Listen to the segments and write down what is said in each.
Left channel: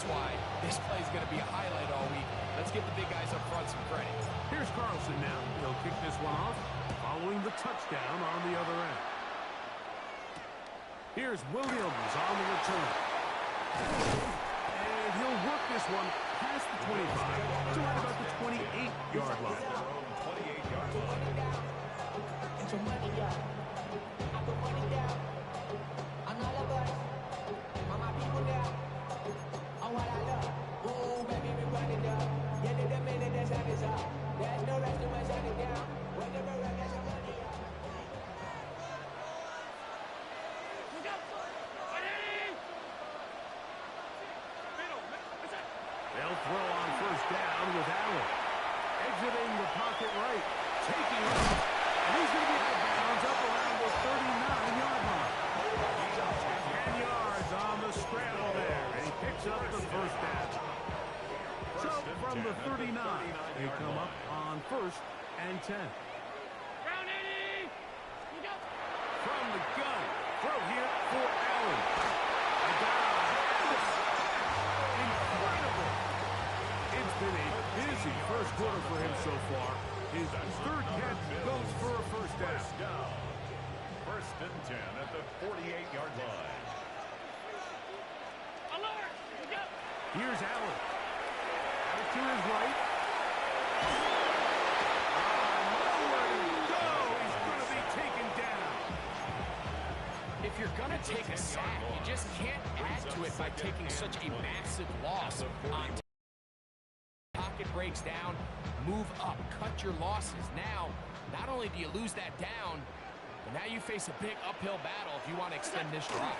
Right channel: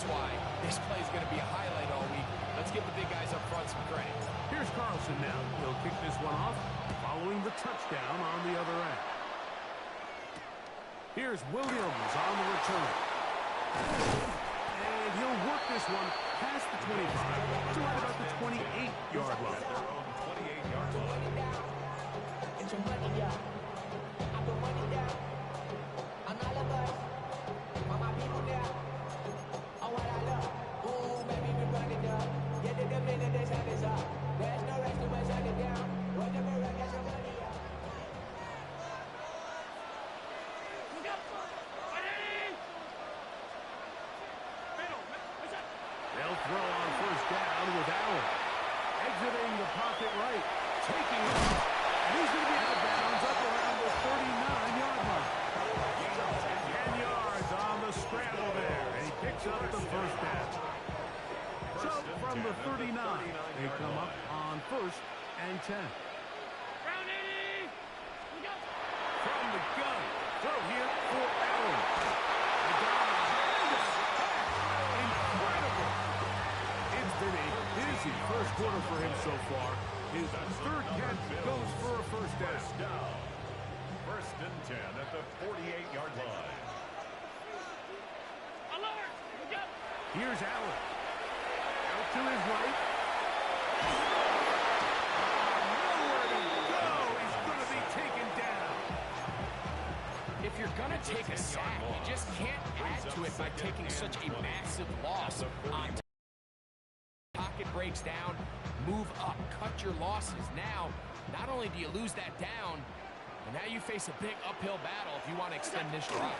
That's why this play is going to be a highlight all week. Let's give the big guys up front some credit. Here's Carlson now. He'll kick this one off, following the touchdown on the other end. Here's Williams on the return. And he'll work this one past the 25 to right about the 28-yard line. Their own 28-yard line. Get your money up. I put money down on all of us, on my people now. On what I love. Ooh, baby, we run it up. Yeah, the minute the sun is up. There's no rest to my shut it down. Whatever I get your money up. They'll throw on first down with Allen. Exiting the pocket right. Taking off. And he's going to be out of bounds up around the 39-yard line. 10 yards on the scramble there. And he picks up the first down. So from the 39, they come up on first and 10. From the gun. Throw here for Allen. A dive and a catch. Incredible. It's been a busy first quarter for him so far. His third catch goes for a first down. First and 10 at the 48-yard line. Here's Allen. Out to his right. Nowhere to go. He's going to be taken down. If you're going to take a sack, you just can't add to it by taking such a massive loss. Pocket breaks down, move up, cut your losses. Now, not only do you lose that down, but now you face a big uphill battle if you want to extend this drive.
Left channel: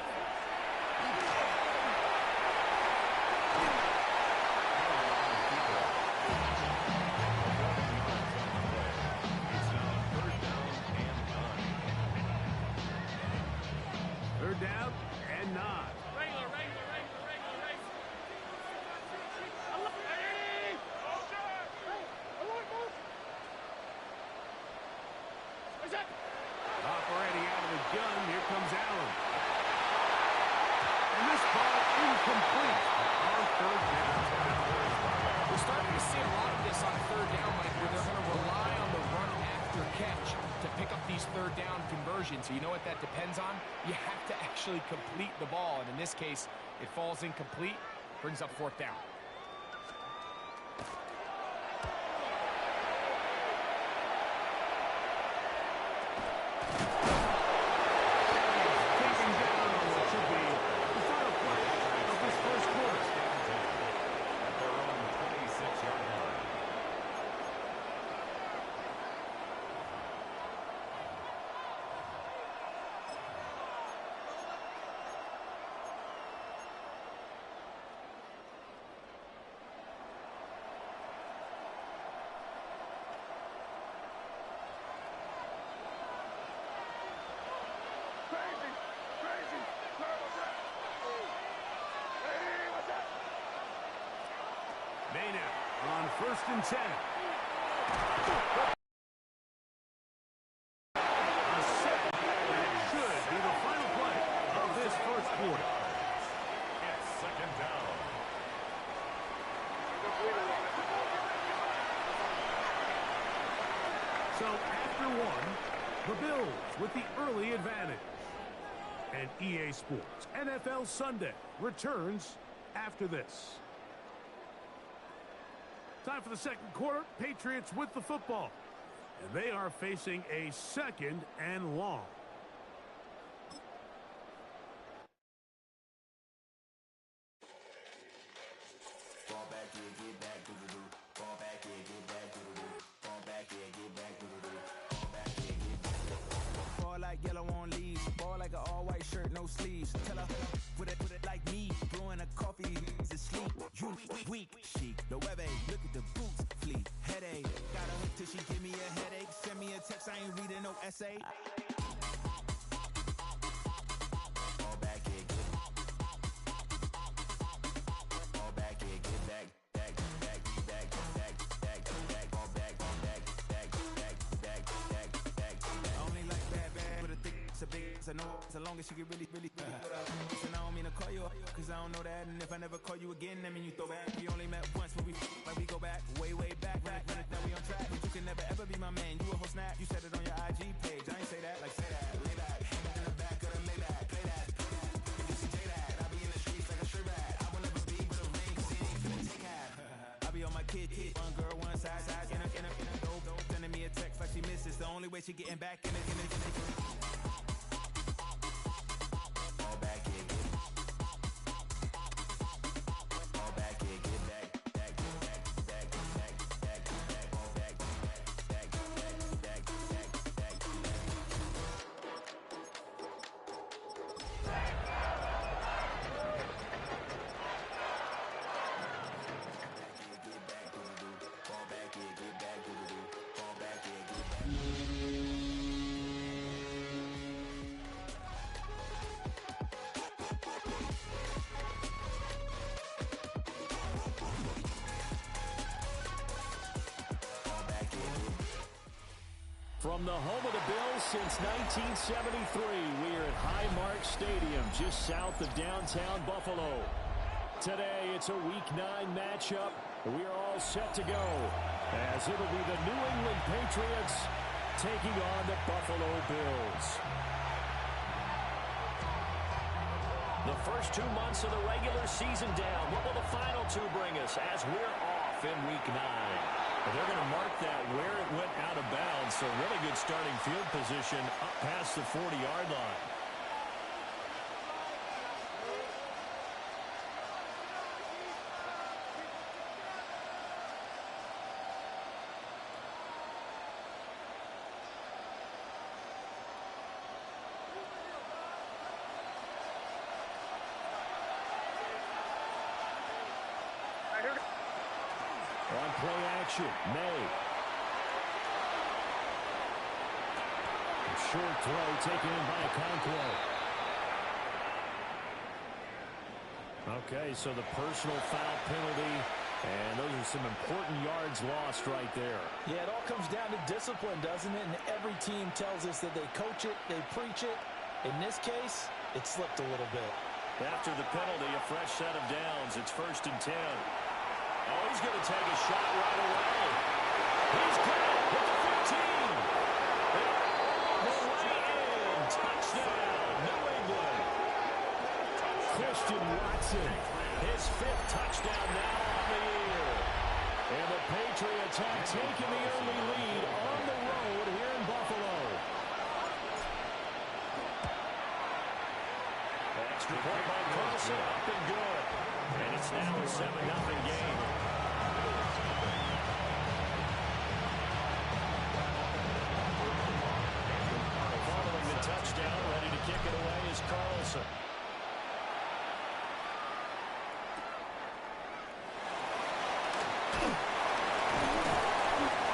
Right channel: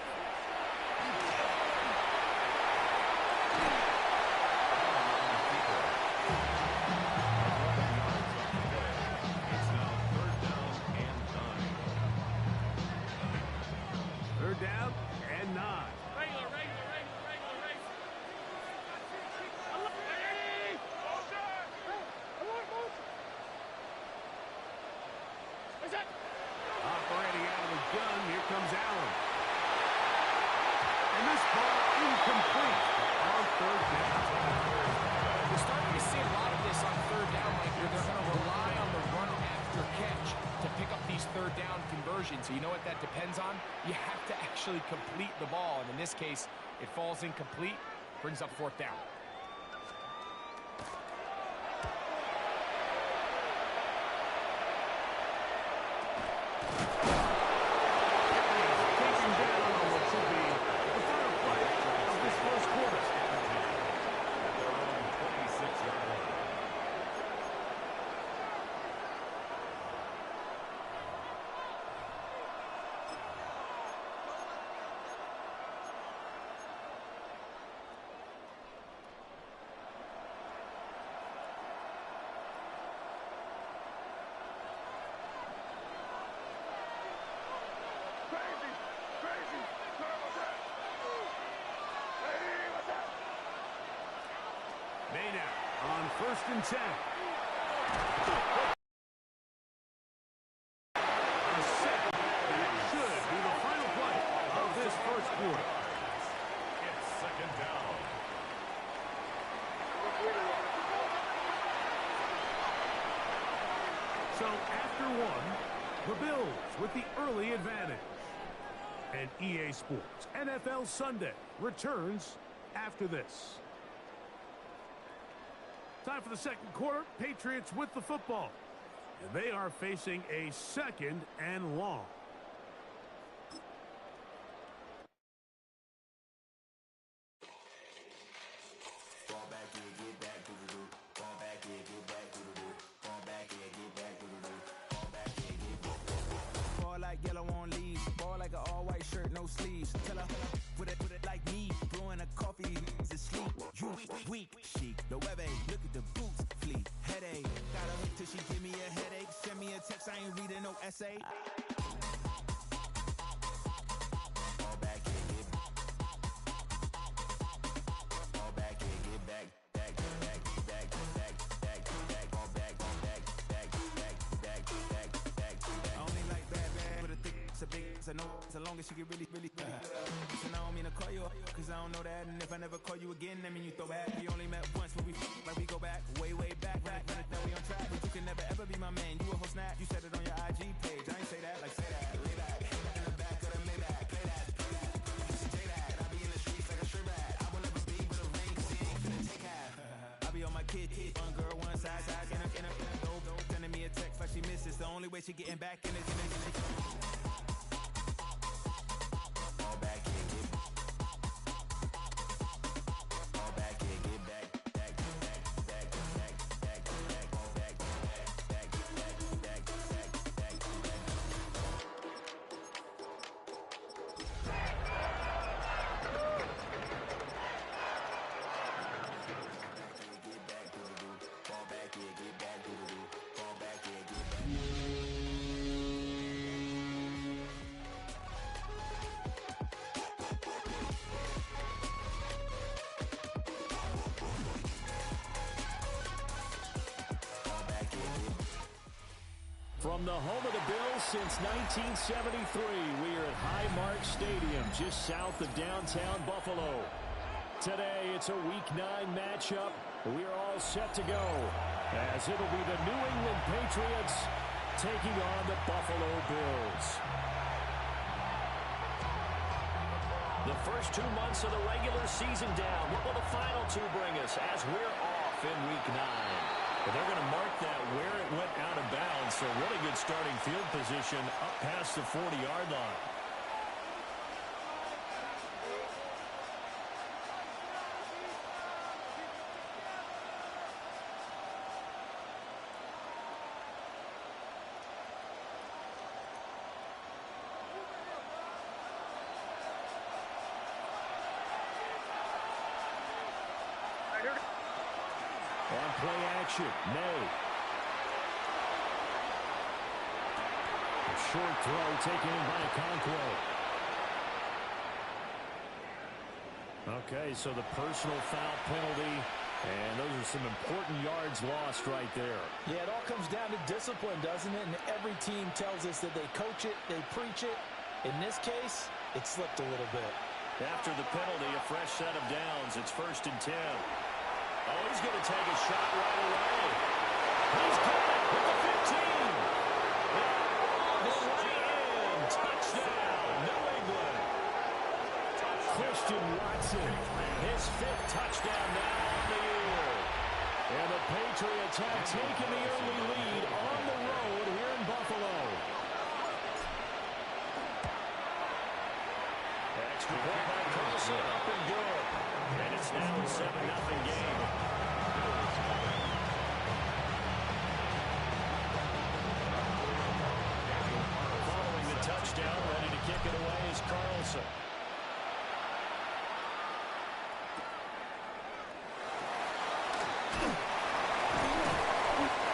Third down and 9. Operating out of the gun, here comes Allen. And this ball incomplete on third down. We're starting to see a lot of this on third down, Mike, where they're going to rely on the run after catch to pick up these third down conversions. So you know what that depends on? You have to actually complete the ball. And in this case, it falls incomplete, brings up fourth down. Taken down on what should be the final play of this first quarter. At their own 26-yard line. Maynard on first and 10. A sack, and it should be the final play of this first quarter. It's second down. So after one, the Bills with the early advantage. And EA Sports NFL Sunday returns after this. Time for the second quarter. Patriots with the football. And they are facing a second and long. Fall back here, get back, do-do-do. Fall back here, get back, do-do-do. Fall back here, get back, do-do-do. Fall back here, get back. Fall like yellow on leaves. Ball like an all-white shirt, no sleeves. Tell her, put it like me. Blowing a coffee, to sleep. You weak, chic. The web look at the boots, fleet. Headache. Got a hook till she give me a headache. Send me a text, I ain't reading no essay. Fall back here, get fall back here, get back, back, back, back, back, back, back, fall back, back, back, back, back, back. I only like bad, but a thick, it's a big, it's a no, as long as she get really, really, really. So I don't mean to call you up, cause I don't know that. And if I never call you again, that mean you throw back. We only met once, but we like we go back, way, way back. When it that we on track, but you can never ever be my man. You a whole snap, you said it on your IG page. I ain't say that, like say that. Lay back, in the back of the Maybach, play that. You see J that, I be in the streets like a straight rat. I will never be with a ring, cause he ain't finna take half. I be on my kid, one girl, one side, in a dope, sending me a text like she misses. The only way she getting back in it. From the home of the Bills since 1973, we are at Highmark Stadium, just south of downtown Buffalo. Today, it's a Week 9 matchup, and we are all set to go, as it'll be the New England Patriots taking on the Buffalo Bills. The first 2 months of the regular season down. What will the final 2 bring us as we're off in Week 9? But they're going to mark that where it went out of bounds, so really good starting field position up past the 40-yard line. On play action, May. A short throw taken in by Okonkwo. Okay, so the personal foul penalty, and those are some important yards lost right there. Yeah, it all comes down to discipline, doesn't it? And every team tells us that they coach it, they preach it. In this case, it slipped a little bit. After the penalty, a fresh set of downs. It's 1st and 10. Oh, he's going to take a shot right away. He's got it at the 15. All the way in. Touchdown, New England. Christian Watson, his 5th touchdown now on the year. And the Patriots have taken the early lead on the road here in Buffalo. Extra point by Carlson, up and good. And it's now a 7-0 game. Following the touchdown, ready to kick it away is Carlson.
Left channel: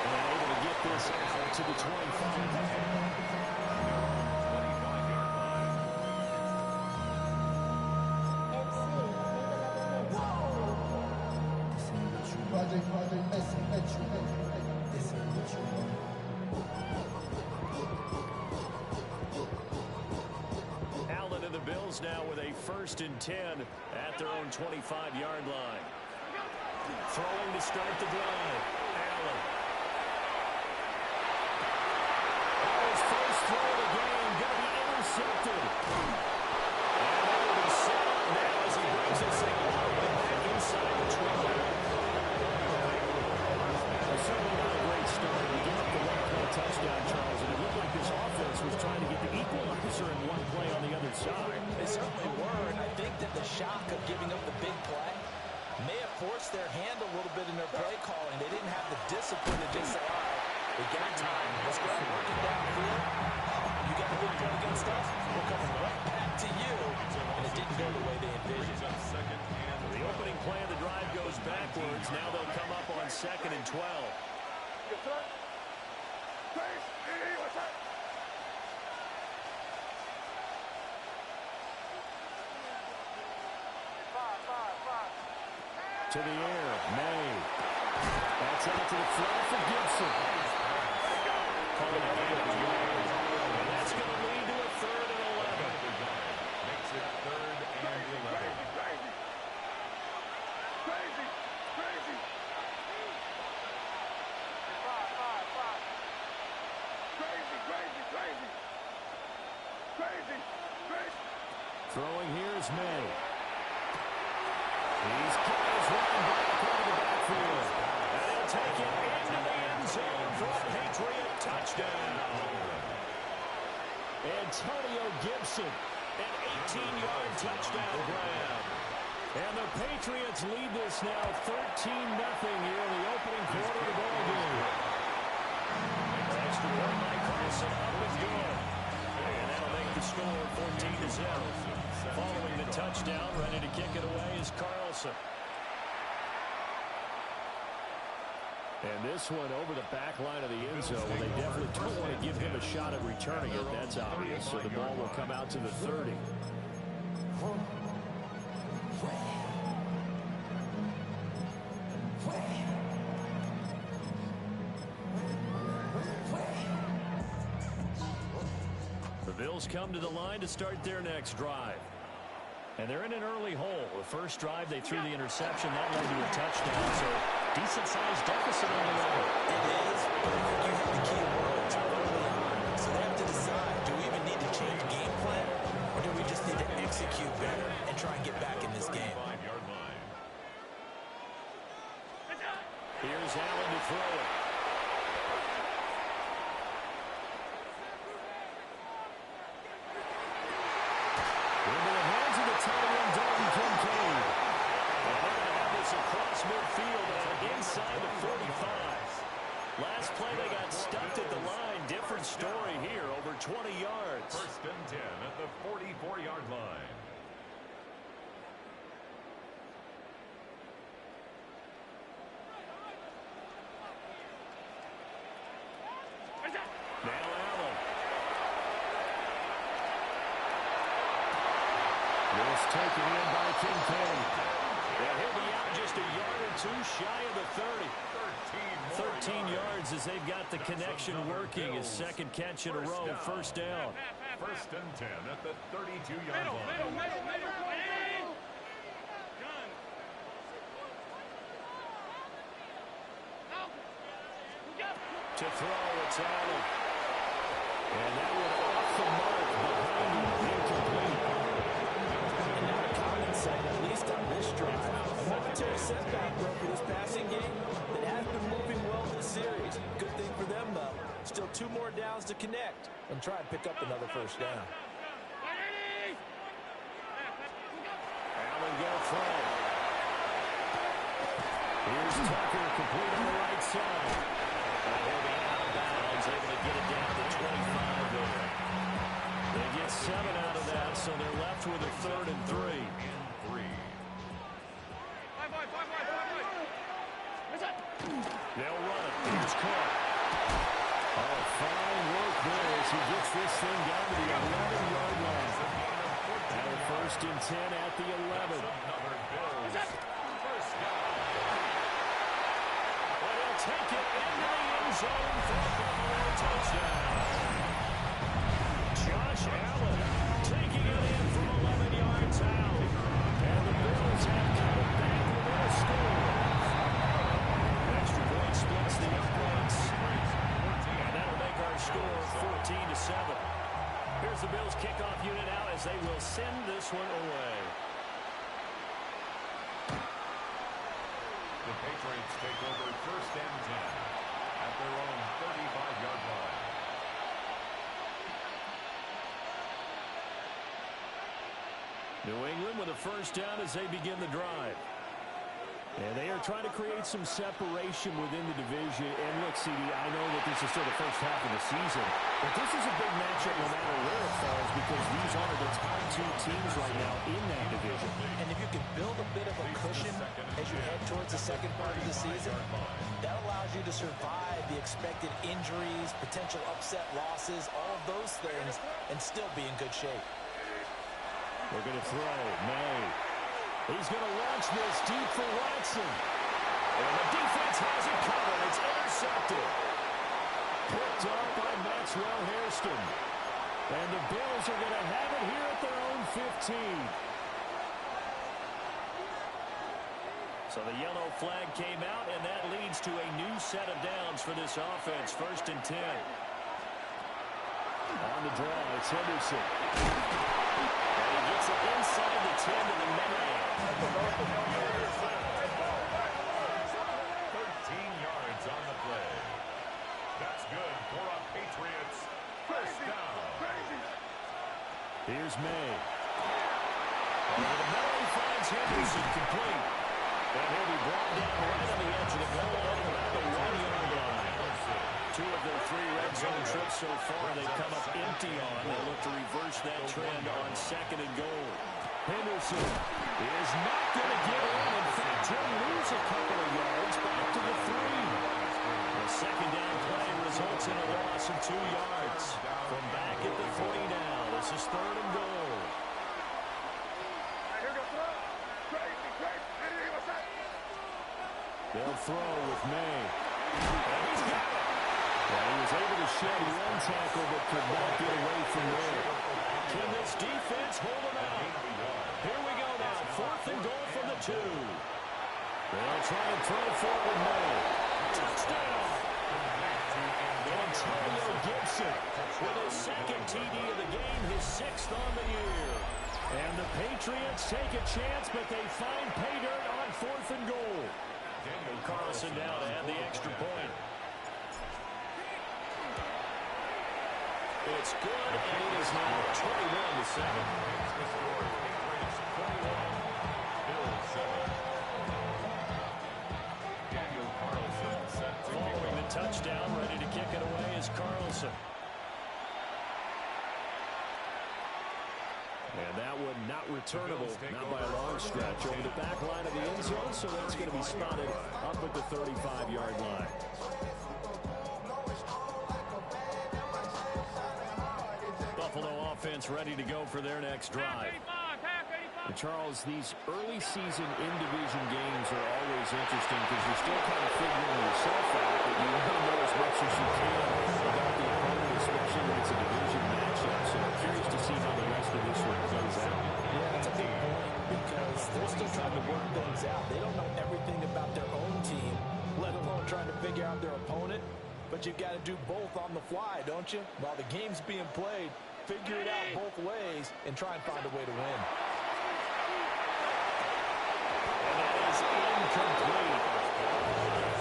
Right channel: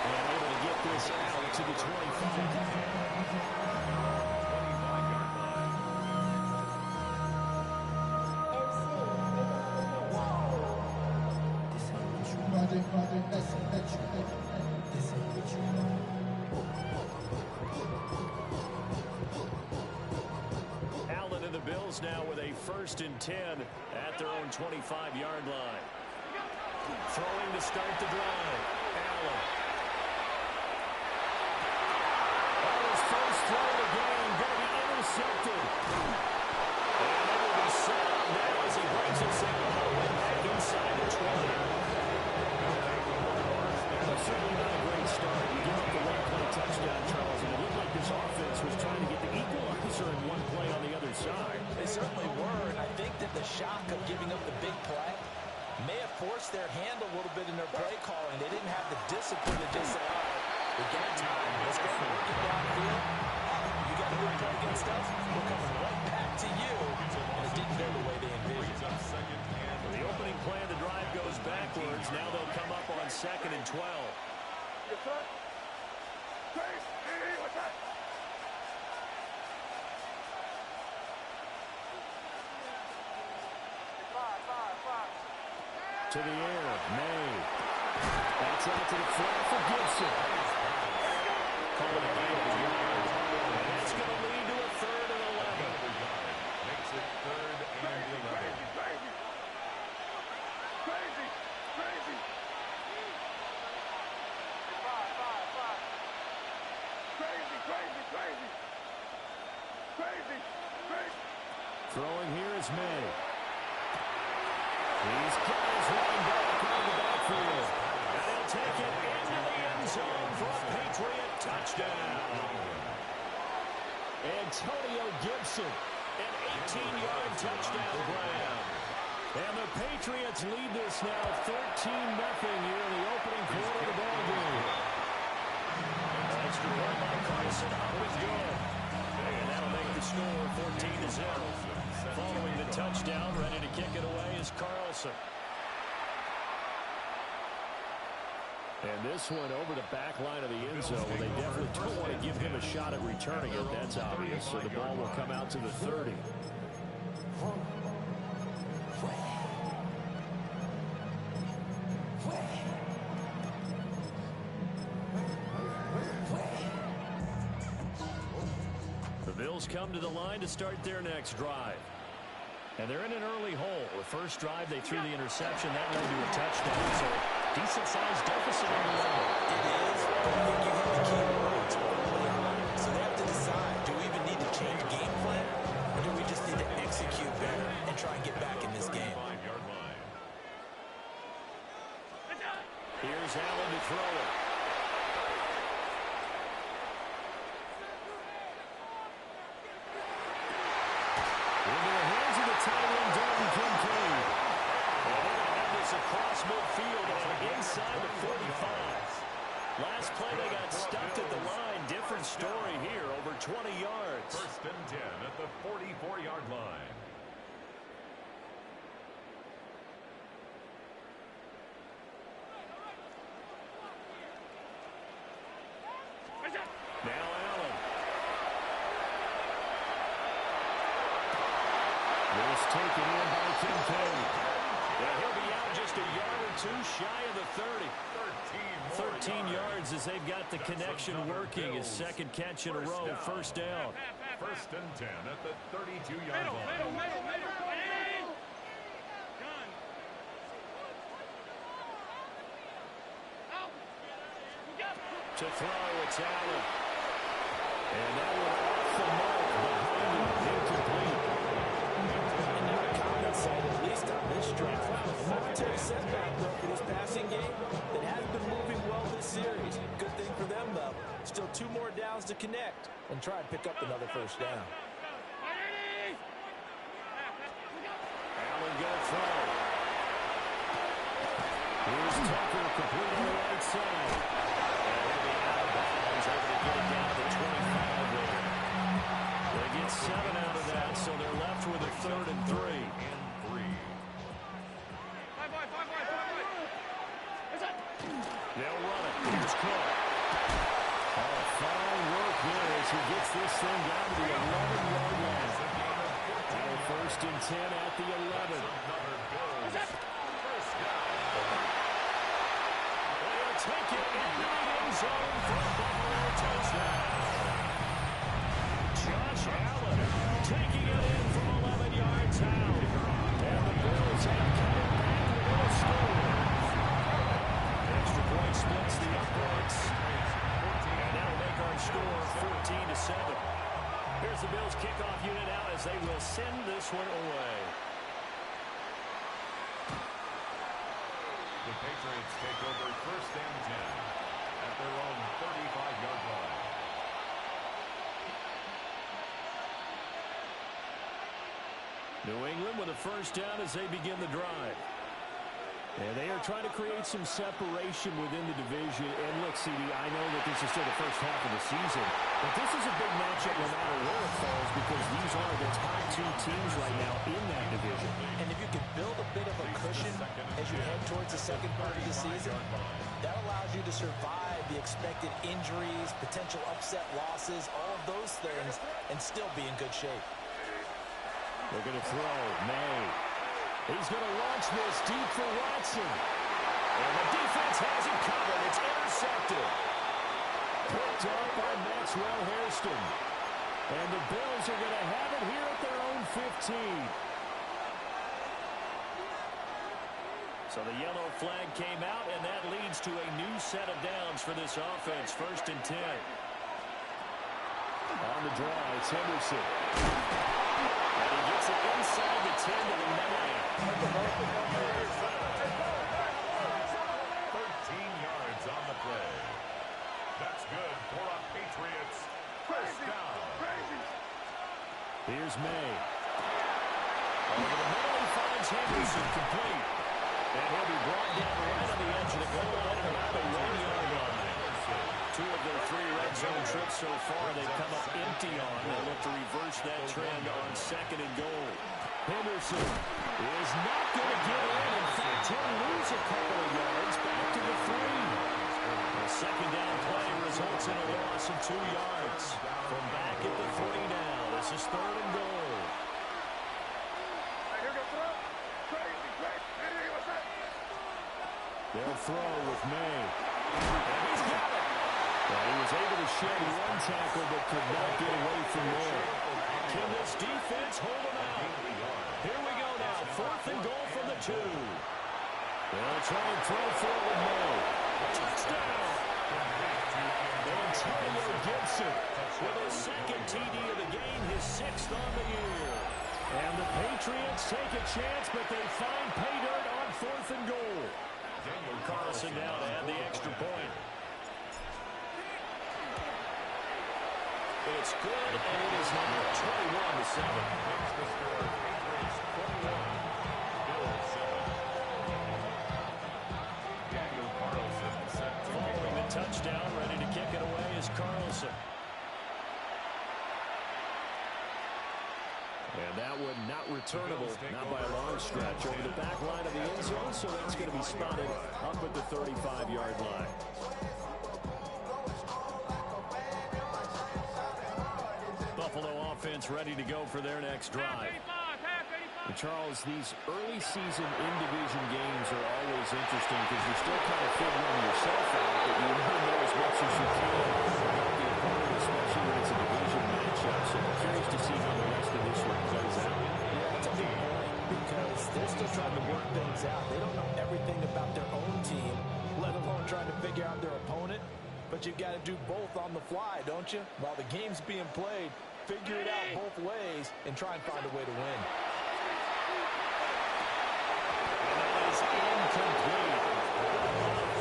And able to get this out to the 25. Project S, this ain't what you want. Allen and the Bills now with a 1st and 10 at their own 25-yard line. Throwing to start the drive. Allen. Oh, his first throw of the game going to be intercepted. And they will be set up now as he brings this thing all the way back inside the 20. Certainly not a great start. You give up the one-play touchdown, Charles, and it looked like this offense was trying to get the equalizer in one play on the other side. They certainly were, and I think that the shock of giving up the big play may have forced their hand a little bit in their play calling. They didn't have the discipline to just say, all right, we got time. Let's go work it downfield. Oh, you got a good play against us? We're coming right back to you. And it didn't go the way they envisioned. The opening play of the drive goes backwards. Now they'll come up on 2nd and 12. To the air, May. Backs out to the flat for Gibson. Calling a game of yards. And that's going to lead to a 3rd and 11. Makes it 3rd and 11. Crazy. Crazy. Crazy, crazy, crazy. Crazy, crazy. Throwing here is May. He's got his running back out of the backfield. And he'll take it into the end zone for a Patriot touchdown. Antonio Gibson, an 18-yard touchdown grab. And the Patriots lead this now 13-0 here in the opening quarter of the ball game. Extra point by Carlson, up and good. And that'll make the score 14-0. Following the touchdown, ready to kick it away is Carlson. And this one over the back line of the end zone. Well, they definitely don't want to give him a shot at returning it. That's obvious. So the ball will come out to the 30. The Bills come to the line to start their next drive. And they're in an early hole. The first drive, they threw the interception. That led to a touchdown. So decent-sized deficit on the level. It is, but I think you hit the key words early on. So they have to decide, do we even need to change game plan, or do we just need to execute better and try and get back in this game? Here's Allen to throw it. Into the hands of the tight end, Dalton Kincaid. And they're going to have this across midfield and inside the 45. Last play, they got stuffed at the line. Different story here, over 20 yards. First and 10 at the 44-yard line. Now Allen. This taken in by Kincaid. And he'll be out just a yard or two shy of the 30. 13 yards as they've got the connection working. His second catch in a row. First down. First and 10 at the 32-yard line. To throw, it's Allen. And that one off the mark behind him. Incomplete. And now a common sight, at least on this drive. A momentary setback broke in his passing game that has been moving well this series. Good thing for them, though. Still 2 more downs to connect and try and pick up another first down. Allen going to throw. Here's Tucker, complete on the right side. And he'll be out of bounds, able to get it down to the 25 there. They get 7 out of that, so they're left with a 3rd and 3. They'll run it. Here's Cook. Oh, fine work there as he gets this thing down to the 11-yard line. Now a 1st and 10 at the 11. First down. And he'll take it into the end zone for a Buffalo touchdown. Josh Allen taking it in from 11 yards out. And the Bills have cut it back within a score. Extra point splits the uprights. And that'll make our score 14-7. Here's the Bills kickoff unit out as they will send this one away. The Patriots take over 1st and 10 at their own 35-yard line. New England with a first down as they begin the drive. And they are trying to create some separation within the division. And look, CD, I know that this is still the first half of the season, but this is a big matchup no matter where it falls because these are the top 2 teams right now in that division. And if you can build a bit of a cushion as you head towards the second part of the season, that allows you to survive the expected injuries, potential upset losses, all of those things, and still be in good shape. They're going to throw. May. He's going to launch this deep for Watson. And the defense has it covered. It's intercepted. Picked up by Maxwell Hairston. And the Bills are going to have it here at their own 15. So the yellow flag came out, and that leads to a new set of downs for this offense. 1st and 10. On the draw, it's Henderson. And he gets it inside the 10 to the man. 13 yards on the play. That's good for a Patriots first down. Here's May. Over the middle, he finds Henderson complete. And he'll be brought down right on the edge of the goal line at about the 1-yard line. 2 of their 3 red zone trips so far they've come up empty on. They'll look to reverse that trend on 2nd and goal. Henderson is not going to get in. In fact, he'll lose a couple of yards back to the 3. A 2nd down play results in a loss of 2 yards. From back at the 3 now. This is 3rd and goal. They'll throw with May. And he's got it. And he was able to shed 1 tackle but could not get away from there. Can this defense hold him out? Here we go now. 4th and goal from the 2. They'll try and throw forward May. Touchdown. Antonio Gibson with his 2nd TD of the game, his 6th on the year. And the Patriots take a chance, but they find pay dirt on 4th and goal. Carlson now to add the extra point. It's good, and it is now 21-7. Makes the score Patriots 21, Bills 7. Daniel Carlson set to Following the touchdown, ready to kick it away is Carlson. And that one not returnable, not by a long stretch, over the back line of the end zone, so that's going to be spotted up at the 35-yard line. Buffalo offense ready to go for their next drive. And Charles, these early season in-division games are always interesting because you're still kind of figuring yourself out, but you want to know as much as you can about the opponent, especially when it's a division matchup. So I'm curious to see how the rest of this one plays out. Yeah, that's a big point because they're still trying to work things out. They don't know everything about their own team, let alone trying to figure out their opponent. But you've got to do both on the fly, don't you? While the game's being played, figure it out both ways and try and find a way to win. And that is incomplete.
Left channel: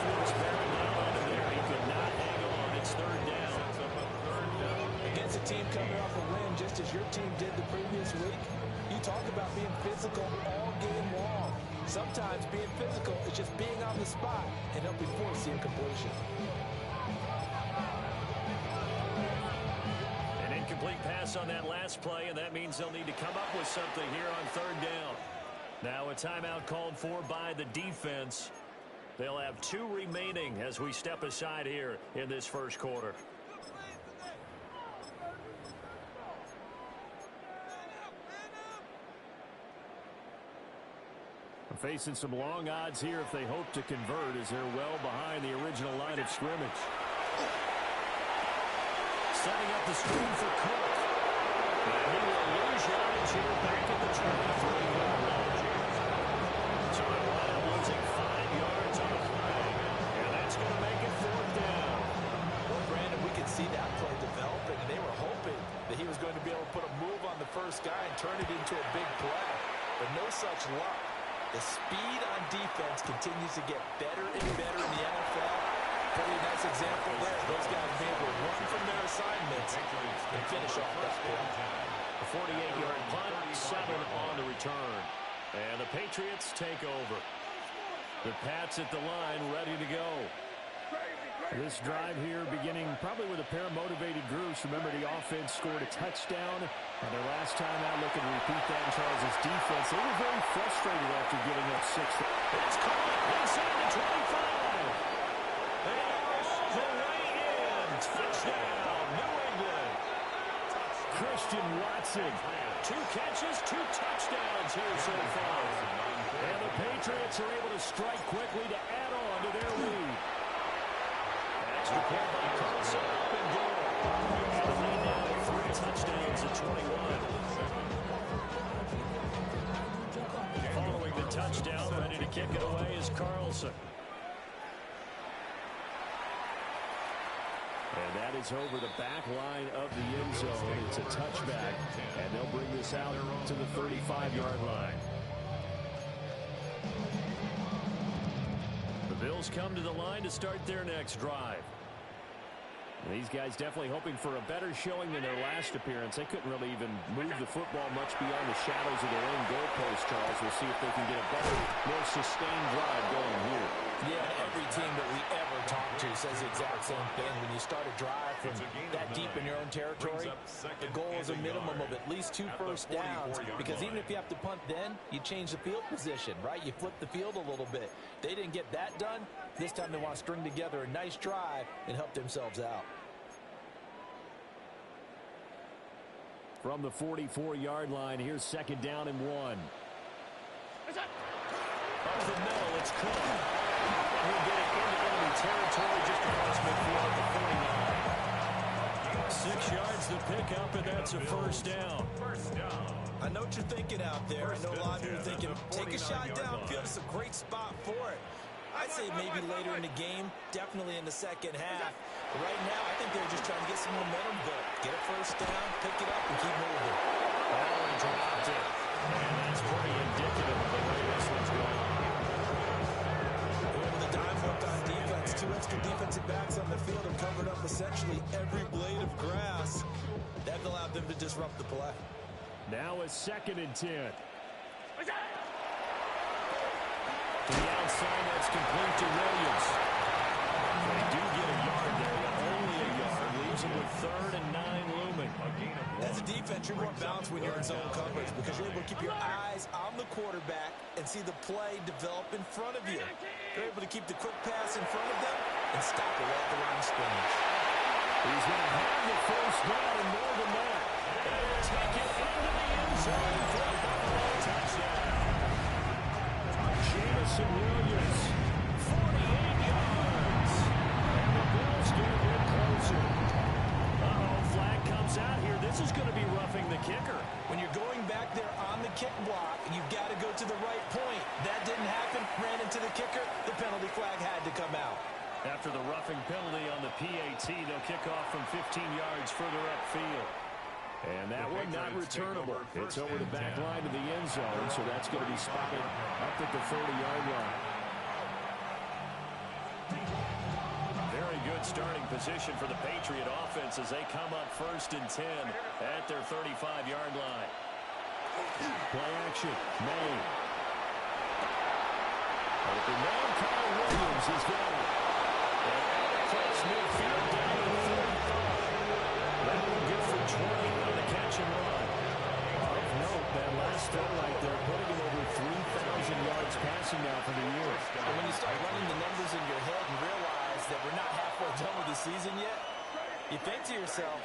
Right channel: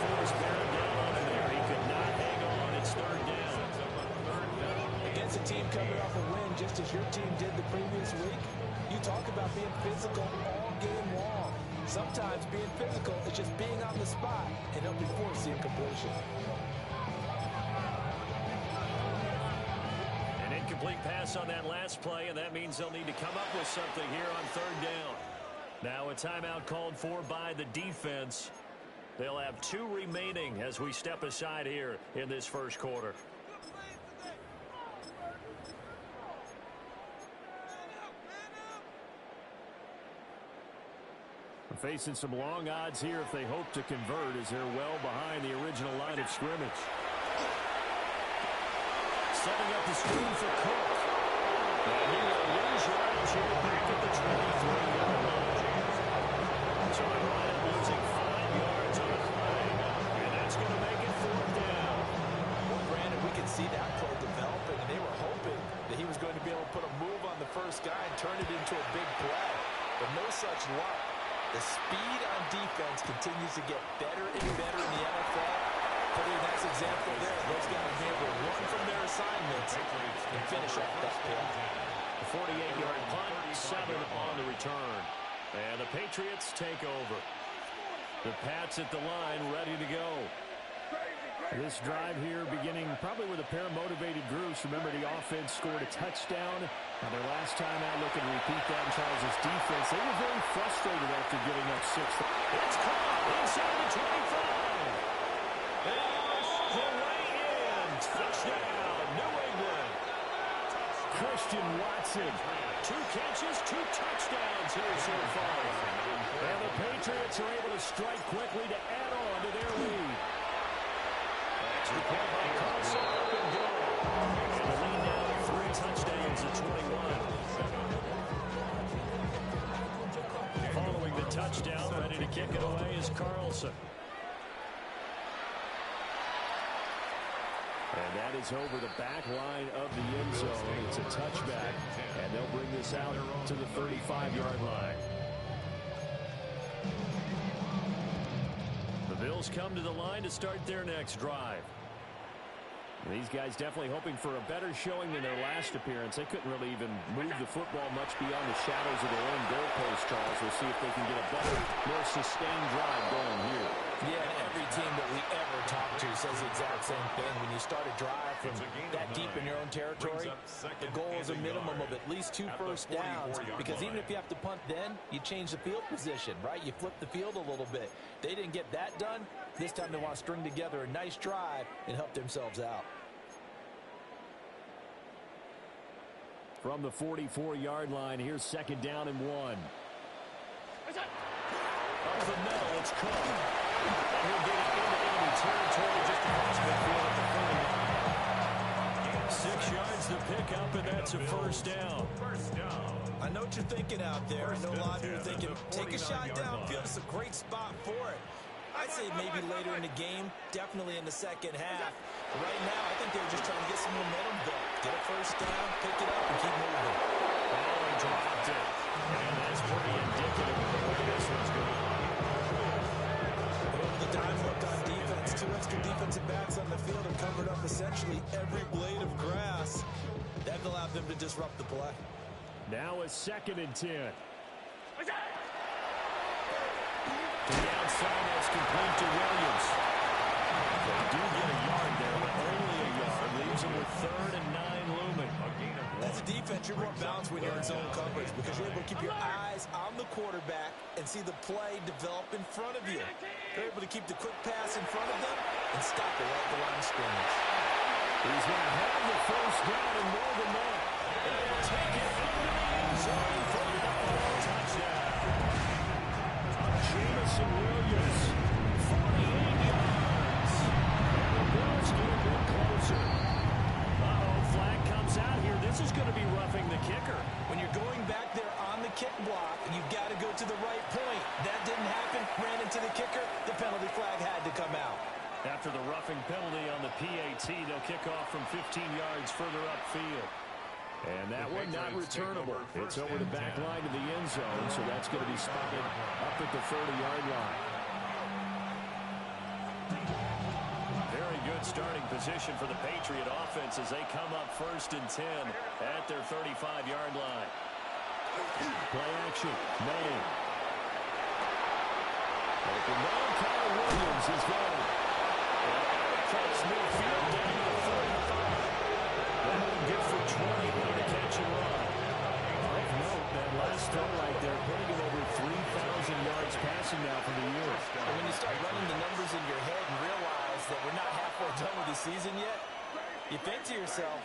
Force bearing down on him there. He could not hang on. It's 3rd down. Against a team coming off a win, just as your team did the previous week, you talk about being physical all game long. Sometimes being physical is just being on the spot and helping force the incompletion. An incomplete pass on that last play, and that means they'll need to come up with something here on 3rd down. Now a timeout called for by the defense. They'll have 2 remaining as we step aside here in this first quarter. Facing some long odds here if they hope to convert as they're well behind the original line of scrimmage. Setting up the screen for Cook. And he will lose yardage here back at the 23-yard line. So they wind up losing 5 yards on the play. And that's going to make it 4th down. Well, Brandon, we could see that play developing, and they were hoping that he was going to be able to put a move on the first guy and turn it into a big play. But no such luck. The speed on defense continues to get better and better in the NFL. Pretty nice example there. Those guys being able to run from their assignments and finish off that play. A 48-yard punt, 7 on the return. And the Patriots take over. The Pats at the line, ready to go. This drive here beginning probably with a pair of motivated groups. Remember, the offense scored a touchdown on their last time out, looking to repeat that in Charles' defense. They were very frustrated after giving up 6. It's caught inside the 25. And all the way in. Touchdown, New England. Christian Watson. 2 catches, 2 touchdowns here so far. And the Patriots are able to strike quickly to add on to their lead. Extra point by Carlson, up and go. And the lead now to 3 touchdowns at 21. Following the touchdown, ready to kick it away is Carlson. And that is over the back line of the end zone. It's a touchback, and they'll bring this out to the 35-yard line. The Bills come to the line to start their next drive. These guys definitely hoping for a better showing than their last appearance. They couldn't really even move the football much beyond the shadows of their own goalpost, Charles. We'll see if they can get a better, more sustained drive going here. Yeah, and every team that we ever talk to says the exact same thing. When you start a drive from that deep in your own territory, the goal is a minimum of at least 2 first downs, because even if you have to punt then, you change the field position, right? You flip the field a little bit. They didn't get that done. This time they want to string together a nice drive and help themselves out. From the 44-yard line, here's 2nd down and 1. Up the middle, it's Cook. And he'll get it into enemy territory just across midfield at the 49. 6 yards to pick up, and that's a first down. I know what you're thinking out there. I know a lot of you are thinking, take a shot downfield. It's a great spot for it. I'd say maybe later in the game, definitely in the second half. But right now, I think they're just trying to get some momentum built. Get a first down, pick it up, and keep moving. Oh, he dropped it. And that's pretty indicative of the way this one's gone. With the dime hook on defense, 2 extra defensive backs on the field and covered up essentially every blade of grass. That allowed them to disrupt the play. Now a 2nd and 10. To the outside, that's complete to Williams. They do get a yard there, but only a yard. Leaves them with 3rd and 9 looming. A gain of 1. As a defense, you're more balanced when you're in zone coverage because you're able to keep your eyes on the quarterback and see the play develop in front of you. They're able to keep the quick pass in front of them and stop it right at the line of scrimmage. He's going to have the first down and more than that. And he'll take it into the end zone for a touchdown. Jamison Williams, 48 yards. And the Bills get a bit closer. Uh-oh, flag comes out here. This is going to be roughing the kicker. When you're going back there on the kick block, you've got to go to the right point. That didn't happen. Ran into the kicker. The penalty flag had to come out. After the roughing penalty on the PAT, they'll kick off from 15 yards further upfield. And that one not returnable. It's over the back line to the end zone, so that's going to be spotted up at the 30-yard line. Very good starting position for the Patriot offense as they come up 1st and 10 at their 35-yard line. Play action. May. Open man, Kyle Williams has got it. And out across midfield down to the 35. That one good for 20 on the catch and run. Of note, that last throw right there, putting him over 3,000 yards passing now for the year. And when you start running the numbers in your head and realize that we're not halfway done with the season yet, you think to yourself,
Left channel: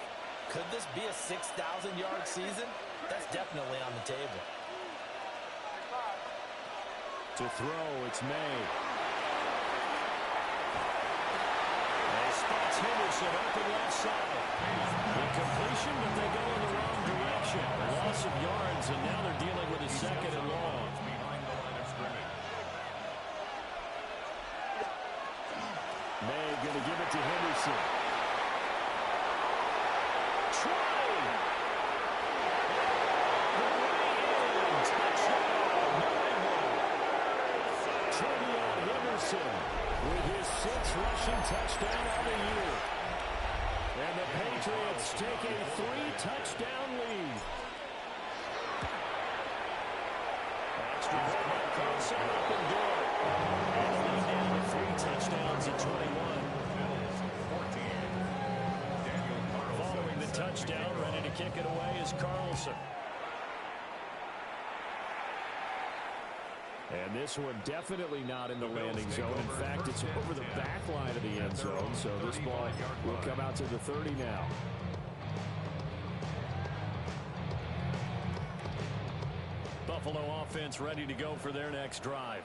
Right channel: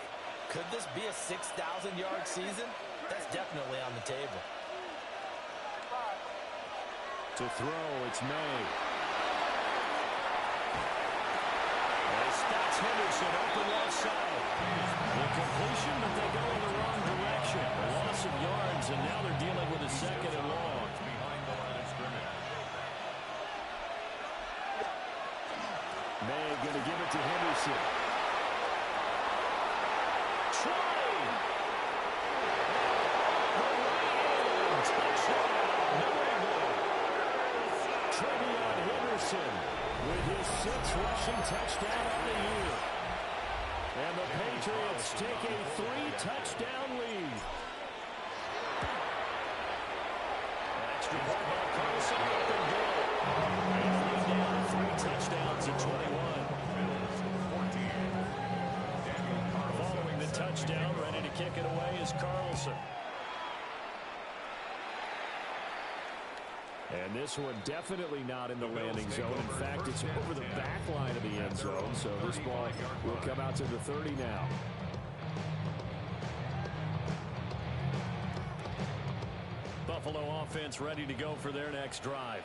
could this be a 6,000-yard season? That's definitely on the table. To throw, it's May. They spots Henderson open left side. The completion, but they go in the wrong direction. A loss of yards, and now they're dealing with a 2nd and long. Behind the line of scrimmage. May going to give it to Henderson. Try! The way in. Touchdown, New England. Trevion Henderson with his 6th rushing touchdown on the year. And the Patriots take a 3-touchdown lead. Extra point by Carlson, up and good. And the lead down to 3 touchdowns at 21. Following the touchdown, ready to kick it away is Carlson. And this one definitely not in the landing zone. In fact, it's over the back line of the end zone, so this ball will come out to the 30 now. Buffalo offense ready to go for their next drive.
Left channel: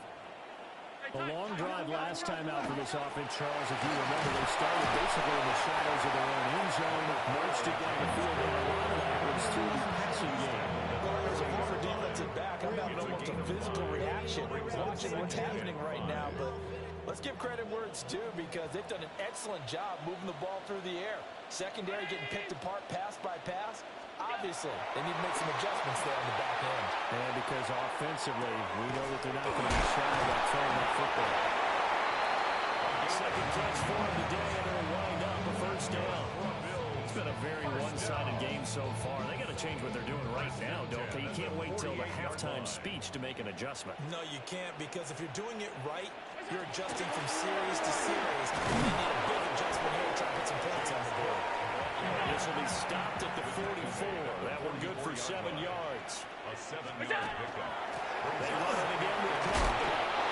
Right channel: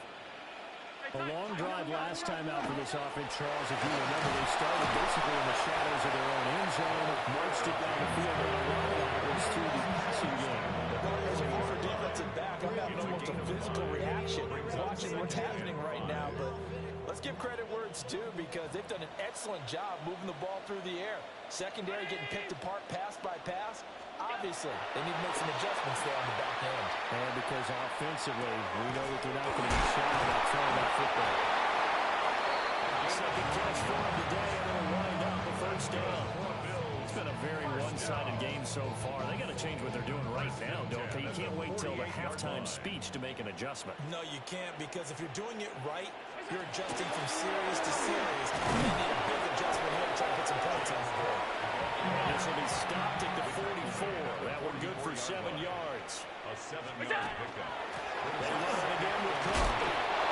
A long drive last time out for this offense, Charles. If you remember, they started basically in the shadows of their own end zone, marched it down the field, and a lot of that was through the passing game. As a former defensive back, I'm having almost a physical reaction watching what's happening right now, but let's give credit where it's due because they've done an excellent job moving the ball through the air. Secondary getting picked apart pass by pass. Obviously, they need to make some adjustments there on the back end. And because offensively, we know that they're not going to be shy about throwing that football. Second catch for him today, and it'll wind up a first down. It's been a very one-sided game so far. They got to change what they're doing right now, don't they? You can't wait till the halftime speech to make an adjustment. No, you can't, because if you're doing it right, you're adjusting from series to series. They need a big adjustment here to try to put some points on the board. This will be stopped at the 44. That one good for 7 yards. A 7-yard pickup. They run it again with Cook.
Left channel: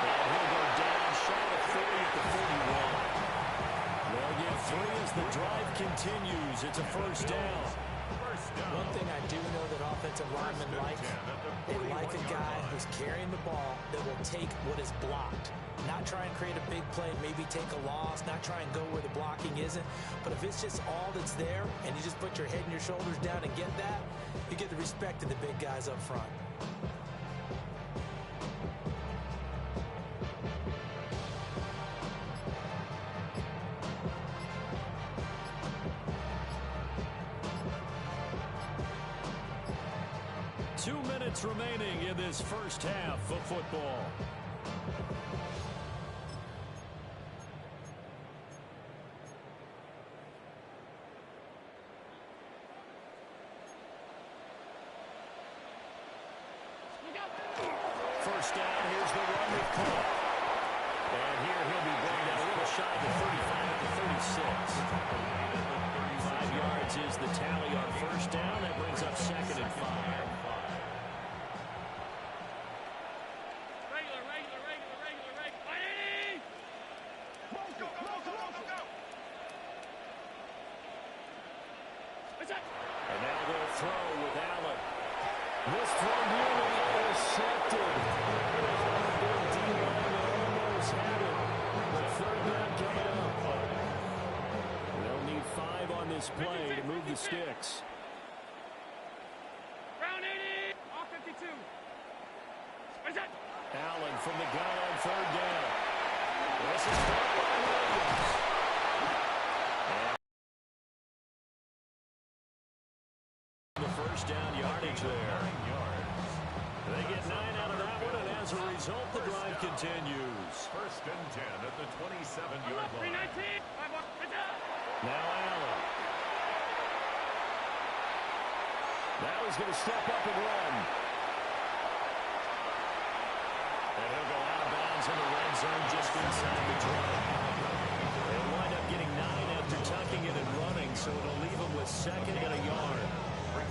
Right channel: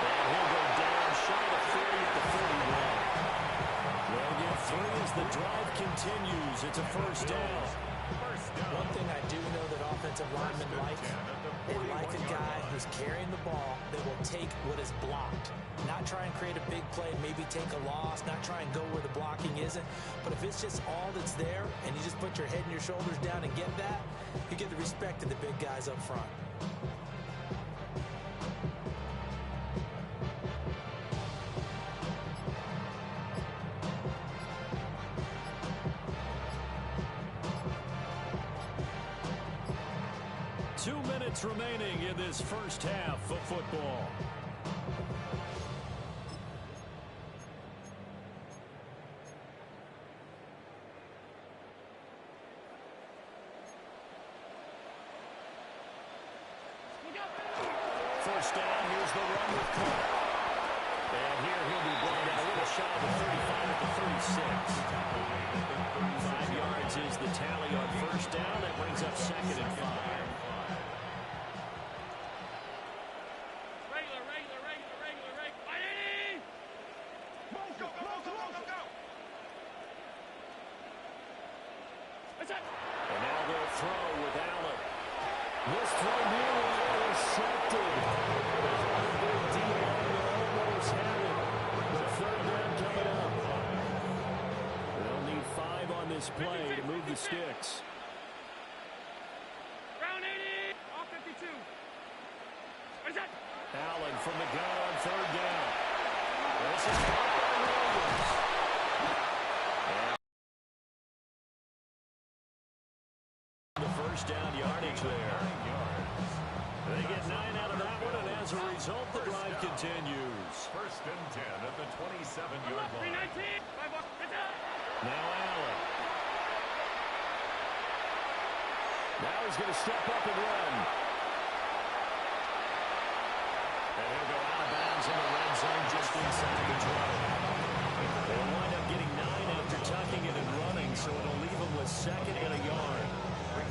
And he'll go down shy of 30 at the 41. They'll get 3 as the drive continues. It's a first down. One thing I do know that offensive linemen like, they like a guy who's carrying the ball that will take what is blocked. Not try and create a big play, maybe take a loss, not try and go where the blocking isn't. But if it's just all that's there and you just put your head and your shoulders down and get that, you get the respect of the big guys up front. Two minutes remaining in this first half of football. First down, here's the run with Cook. And here he'll be brought down a little shy of the 35 at the 36. 5 yards is the tally on first down. That brings up 2nd and 5. And now they'll throw with Allen. This throw nearly intercepted. Their D-lineman almost had it. But third down coming up. They'll need 5 on this play to move the sticks. Round 80, all 52. Allen from the gun on third down. This is caught by Williams. And the first down yardage there. They get 9 out of that one, and as a result, the drive continues. First and 10 at the 27-yard line. Now Allen. Now he's going to step up and run. And he'll go out of bounds in the red zone just inside the 20. They'll wind up getting 9 after tucking it and running, so it'll leave them with 2nd and a yard.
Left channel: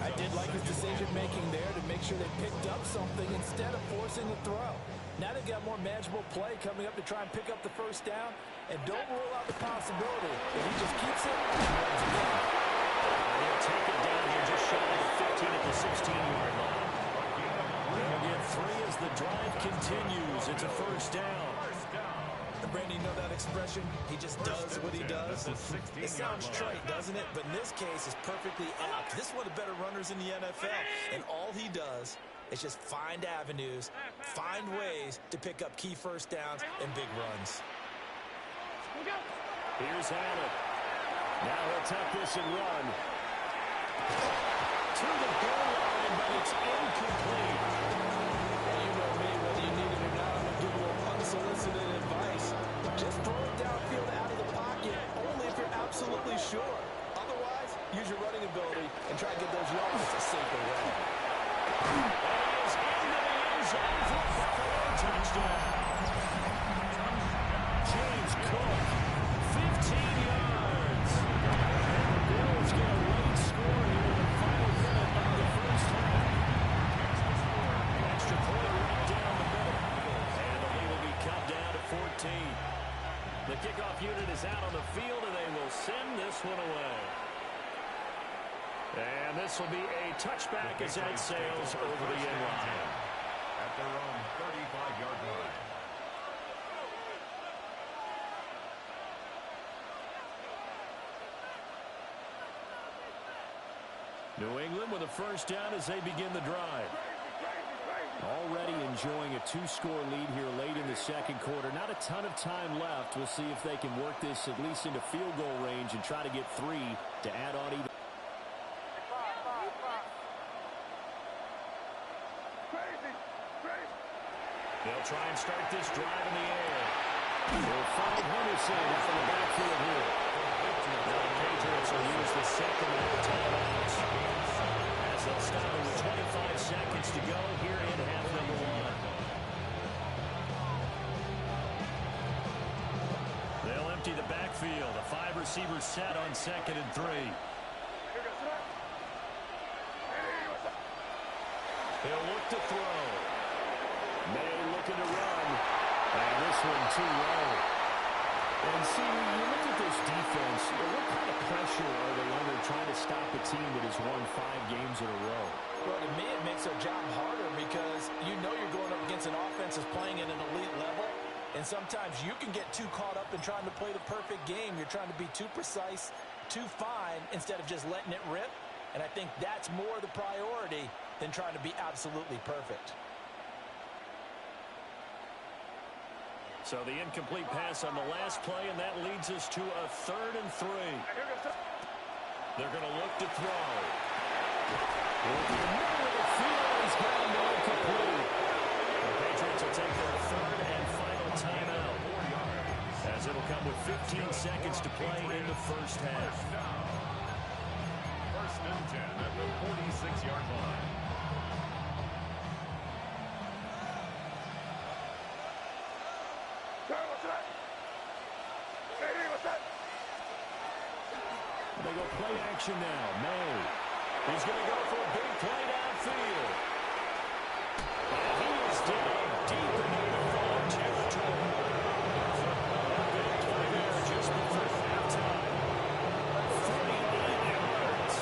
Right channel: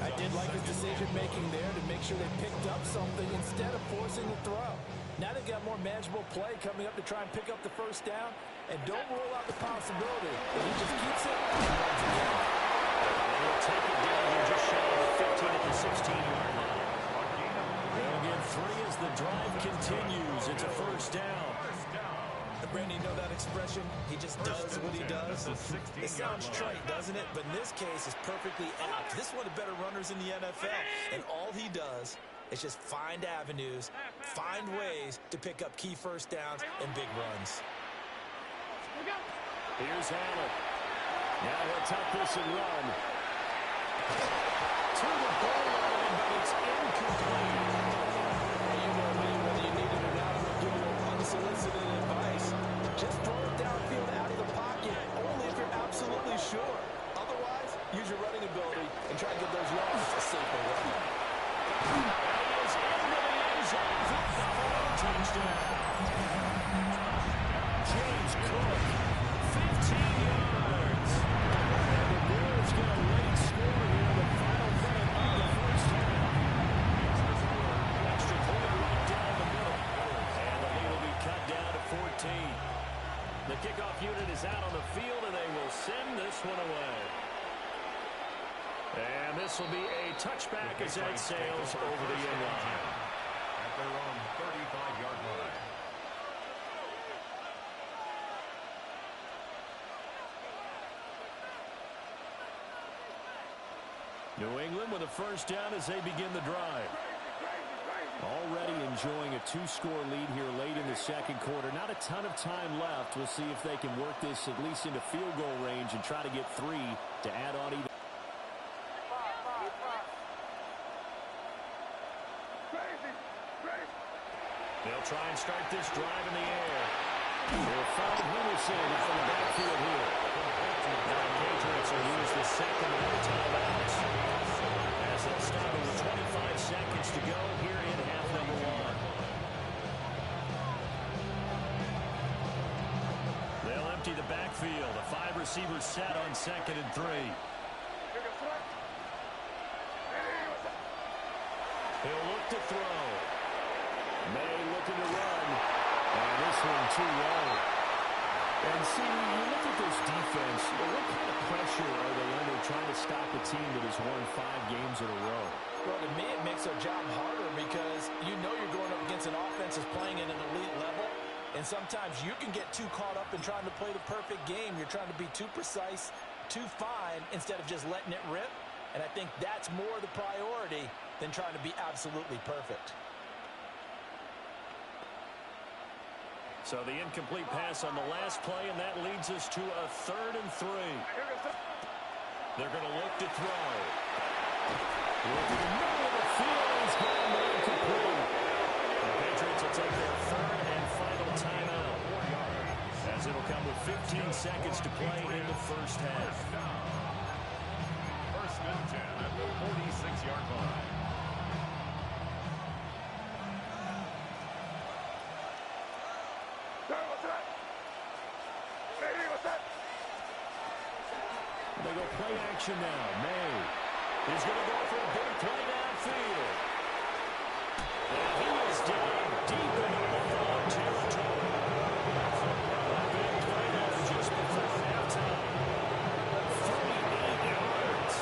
I did like his decision-making there to make sure they picked up something instead of forcing a throw. Now they've got more manageable play coming up to try and pick up the first down, and don't rule out the possibility if he just keeps it and runs again. And he'll take it down here just shy of the 15 at the 16-yard line. They'll get 3 as the drive continues. It's a first down. Brandon, you know that expression? He just does what he does. It sounds trite, doesn't it? But in this case, it's perfectly apt. This is one of the better runners in the NFL. And all he does is just find avenues, find ways to pick up key first downs and big runs. Here's Allen. Now he'll tuck this and run. To the goal line, but it's incomplete. Well, you know me, whether you need it or not, I'm going to give you a little unsolicited advice. Just throw it downfield out of the pocket, only if you're absolutely sure. Otherwise, use your running ability and try to get those yards a safer way. And he is into the end zone for a Buffalo touchdown. James Cook, 15 yards. And the Bills get a late score here in the final minute of the first half. Extra point right down the middle. And the lead will be cut down to 14. The kickoff unit is out on the field, and they will send this one away. And this will be a touchback as that sails over the end line. At their own 35-yard line. New England with a first down as they begin the drive. Already enjoying a 2-score lead here late in the second quarter. Not a ton of time left. We'll see if they can work this at least into field goal range and try to get 3 to add on even. They'll try and start this drive in the air. They'll find Henderson out in the backfield here. Now the Patriots will use the second of their timeouts as they'll stop it with 25 seconds to go here in half number 1. They'll empty the backfield. A 5-receiver set on 2nd and 3. He'll look to throw. May looking to run. And this one too low. And see, you look at this defense, what kind of pressure are they under trying to stop a team that has won 5 games in a row? Well, to me, it makes their job harder because you know you're going up against an offense that's playing at an elite level. And sometimes you can get too caught up in trying to play the perfect game. You're trying to be too precise, too fine, instead of just letting it rip. And I think that's more the priority than trying to be absolutely perfect. So the incomplete pass on the last play, and that leads us to a 3rd and 3. They're going to look to throw. Looking in the middle of the field, he's got him incomplete. The Patriots will take their 3rd and final timeout, as it'll come with 15 seconds to play in the first half. 1st and 10 at the 46-yard line. They go play action now. May is going to go for a big play downfield. And he is down deep into the wrong territory. A big play there just before halftime. 38 yards.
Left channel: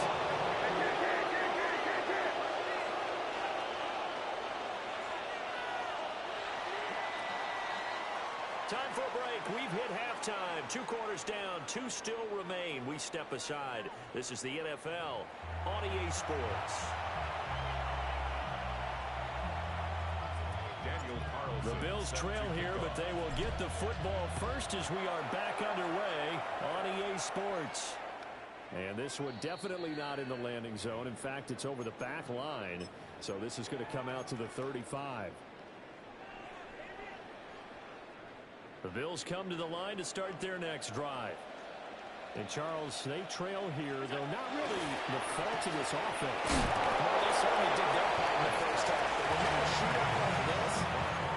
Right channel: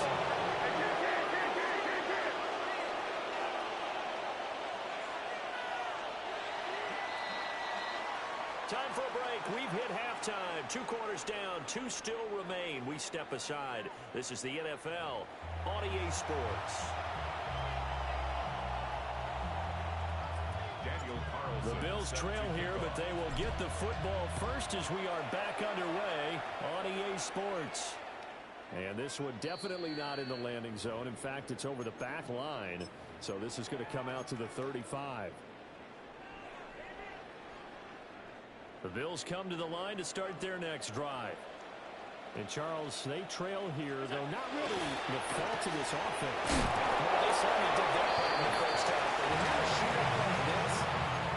Time for a break. We've hit halftime. 2 quarters down. 2 still remain. We step aside. This is the NFL on EA Sports. The Bills trail here, but they will get the football first as we are back underway on EA Sports. And this one definitely not in the landing zone. In fact, it's over the back line. So this is going to come out to the 35. The Bills come to the line to start their next drive. And, Charles, they trail here, though not really the fault of this offense. No, they certainly did their part in the first half. But when you're a shootout like this,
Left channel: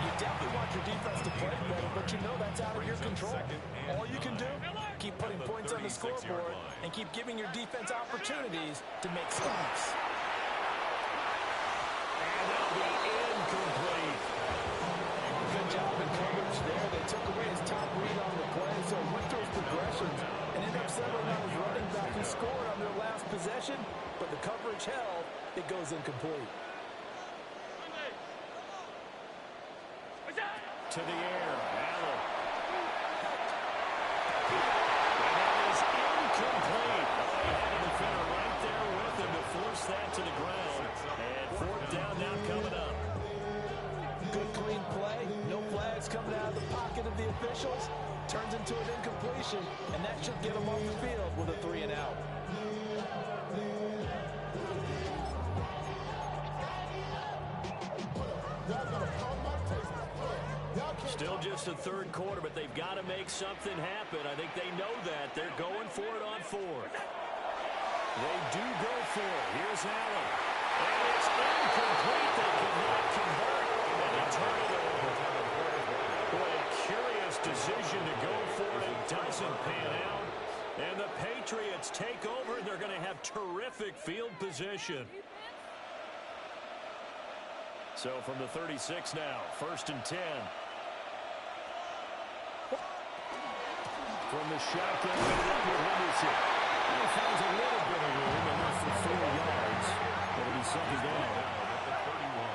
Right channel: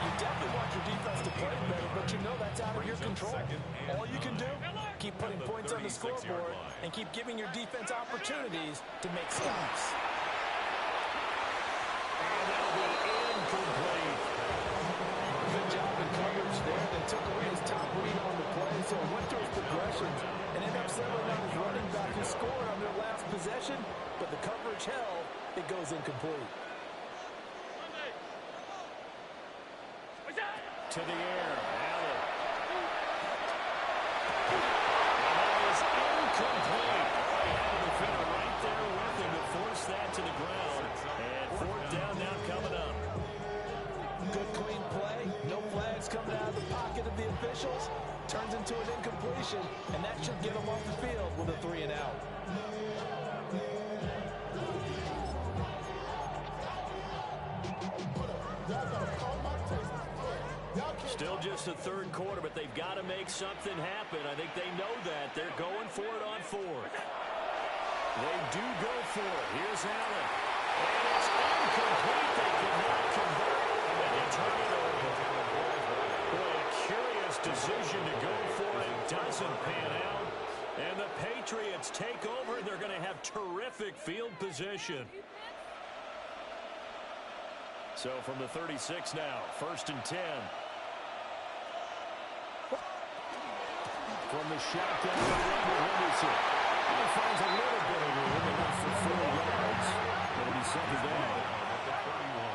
you definitely want your defense to play better, but you know that's out of your control. All you can do, keep putting points on the scoreboard and keep giving your defense opportunities to make stops. And that'll be incomplete. Good job in coverage there. They took away his top read on the play, so he went through his progressions and ended up settling on his running back who scored on their last possession, but the coverage held. It goes incomplete. To the air, Allen. And that is incomplete. He had a defender right there with him to force that to the ground. And 4th down now coming up. Good clean play. No flags coming out of the pocket of the officials. Turns into an incompletion, and that should get them off the field with a 3 and out. Still just the 3rd quarter, but they've got to make something happen. I think they know that. They're going for it on 4th. They do go for it. Here's Allen. And it's incomplete. They could not convert. And they turn it over. Boy, a curious decision to go for it. Doesn't pan out. And the Patriots take over. They're going to have terrific field position. So from the 36 now, 1st and 10. From the shotgun, Henderson. He finds a little bit of room, enough for 4 yards. It'll be 2nd down. At the 31.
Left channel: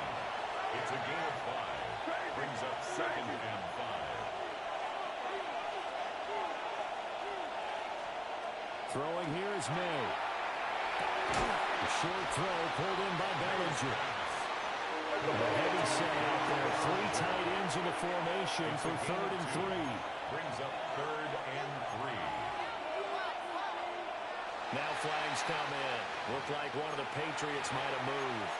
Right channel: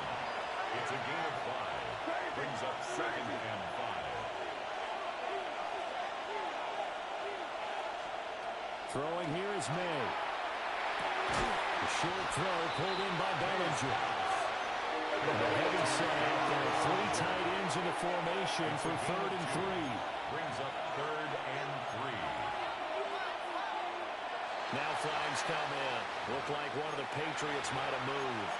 It's a gain of 5. Brings up 2nd and 5. Throwing here is May. The short throw pulled in by Bellinger. The heavy set out there. 3 tight ends in the formation for 3rd and 3. Brings up 3rd and 3. Now flags come in. Looked like one of the Patriots might have moved.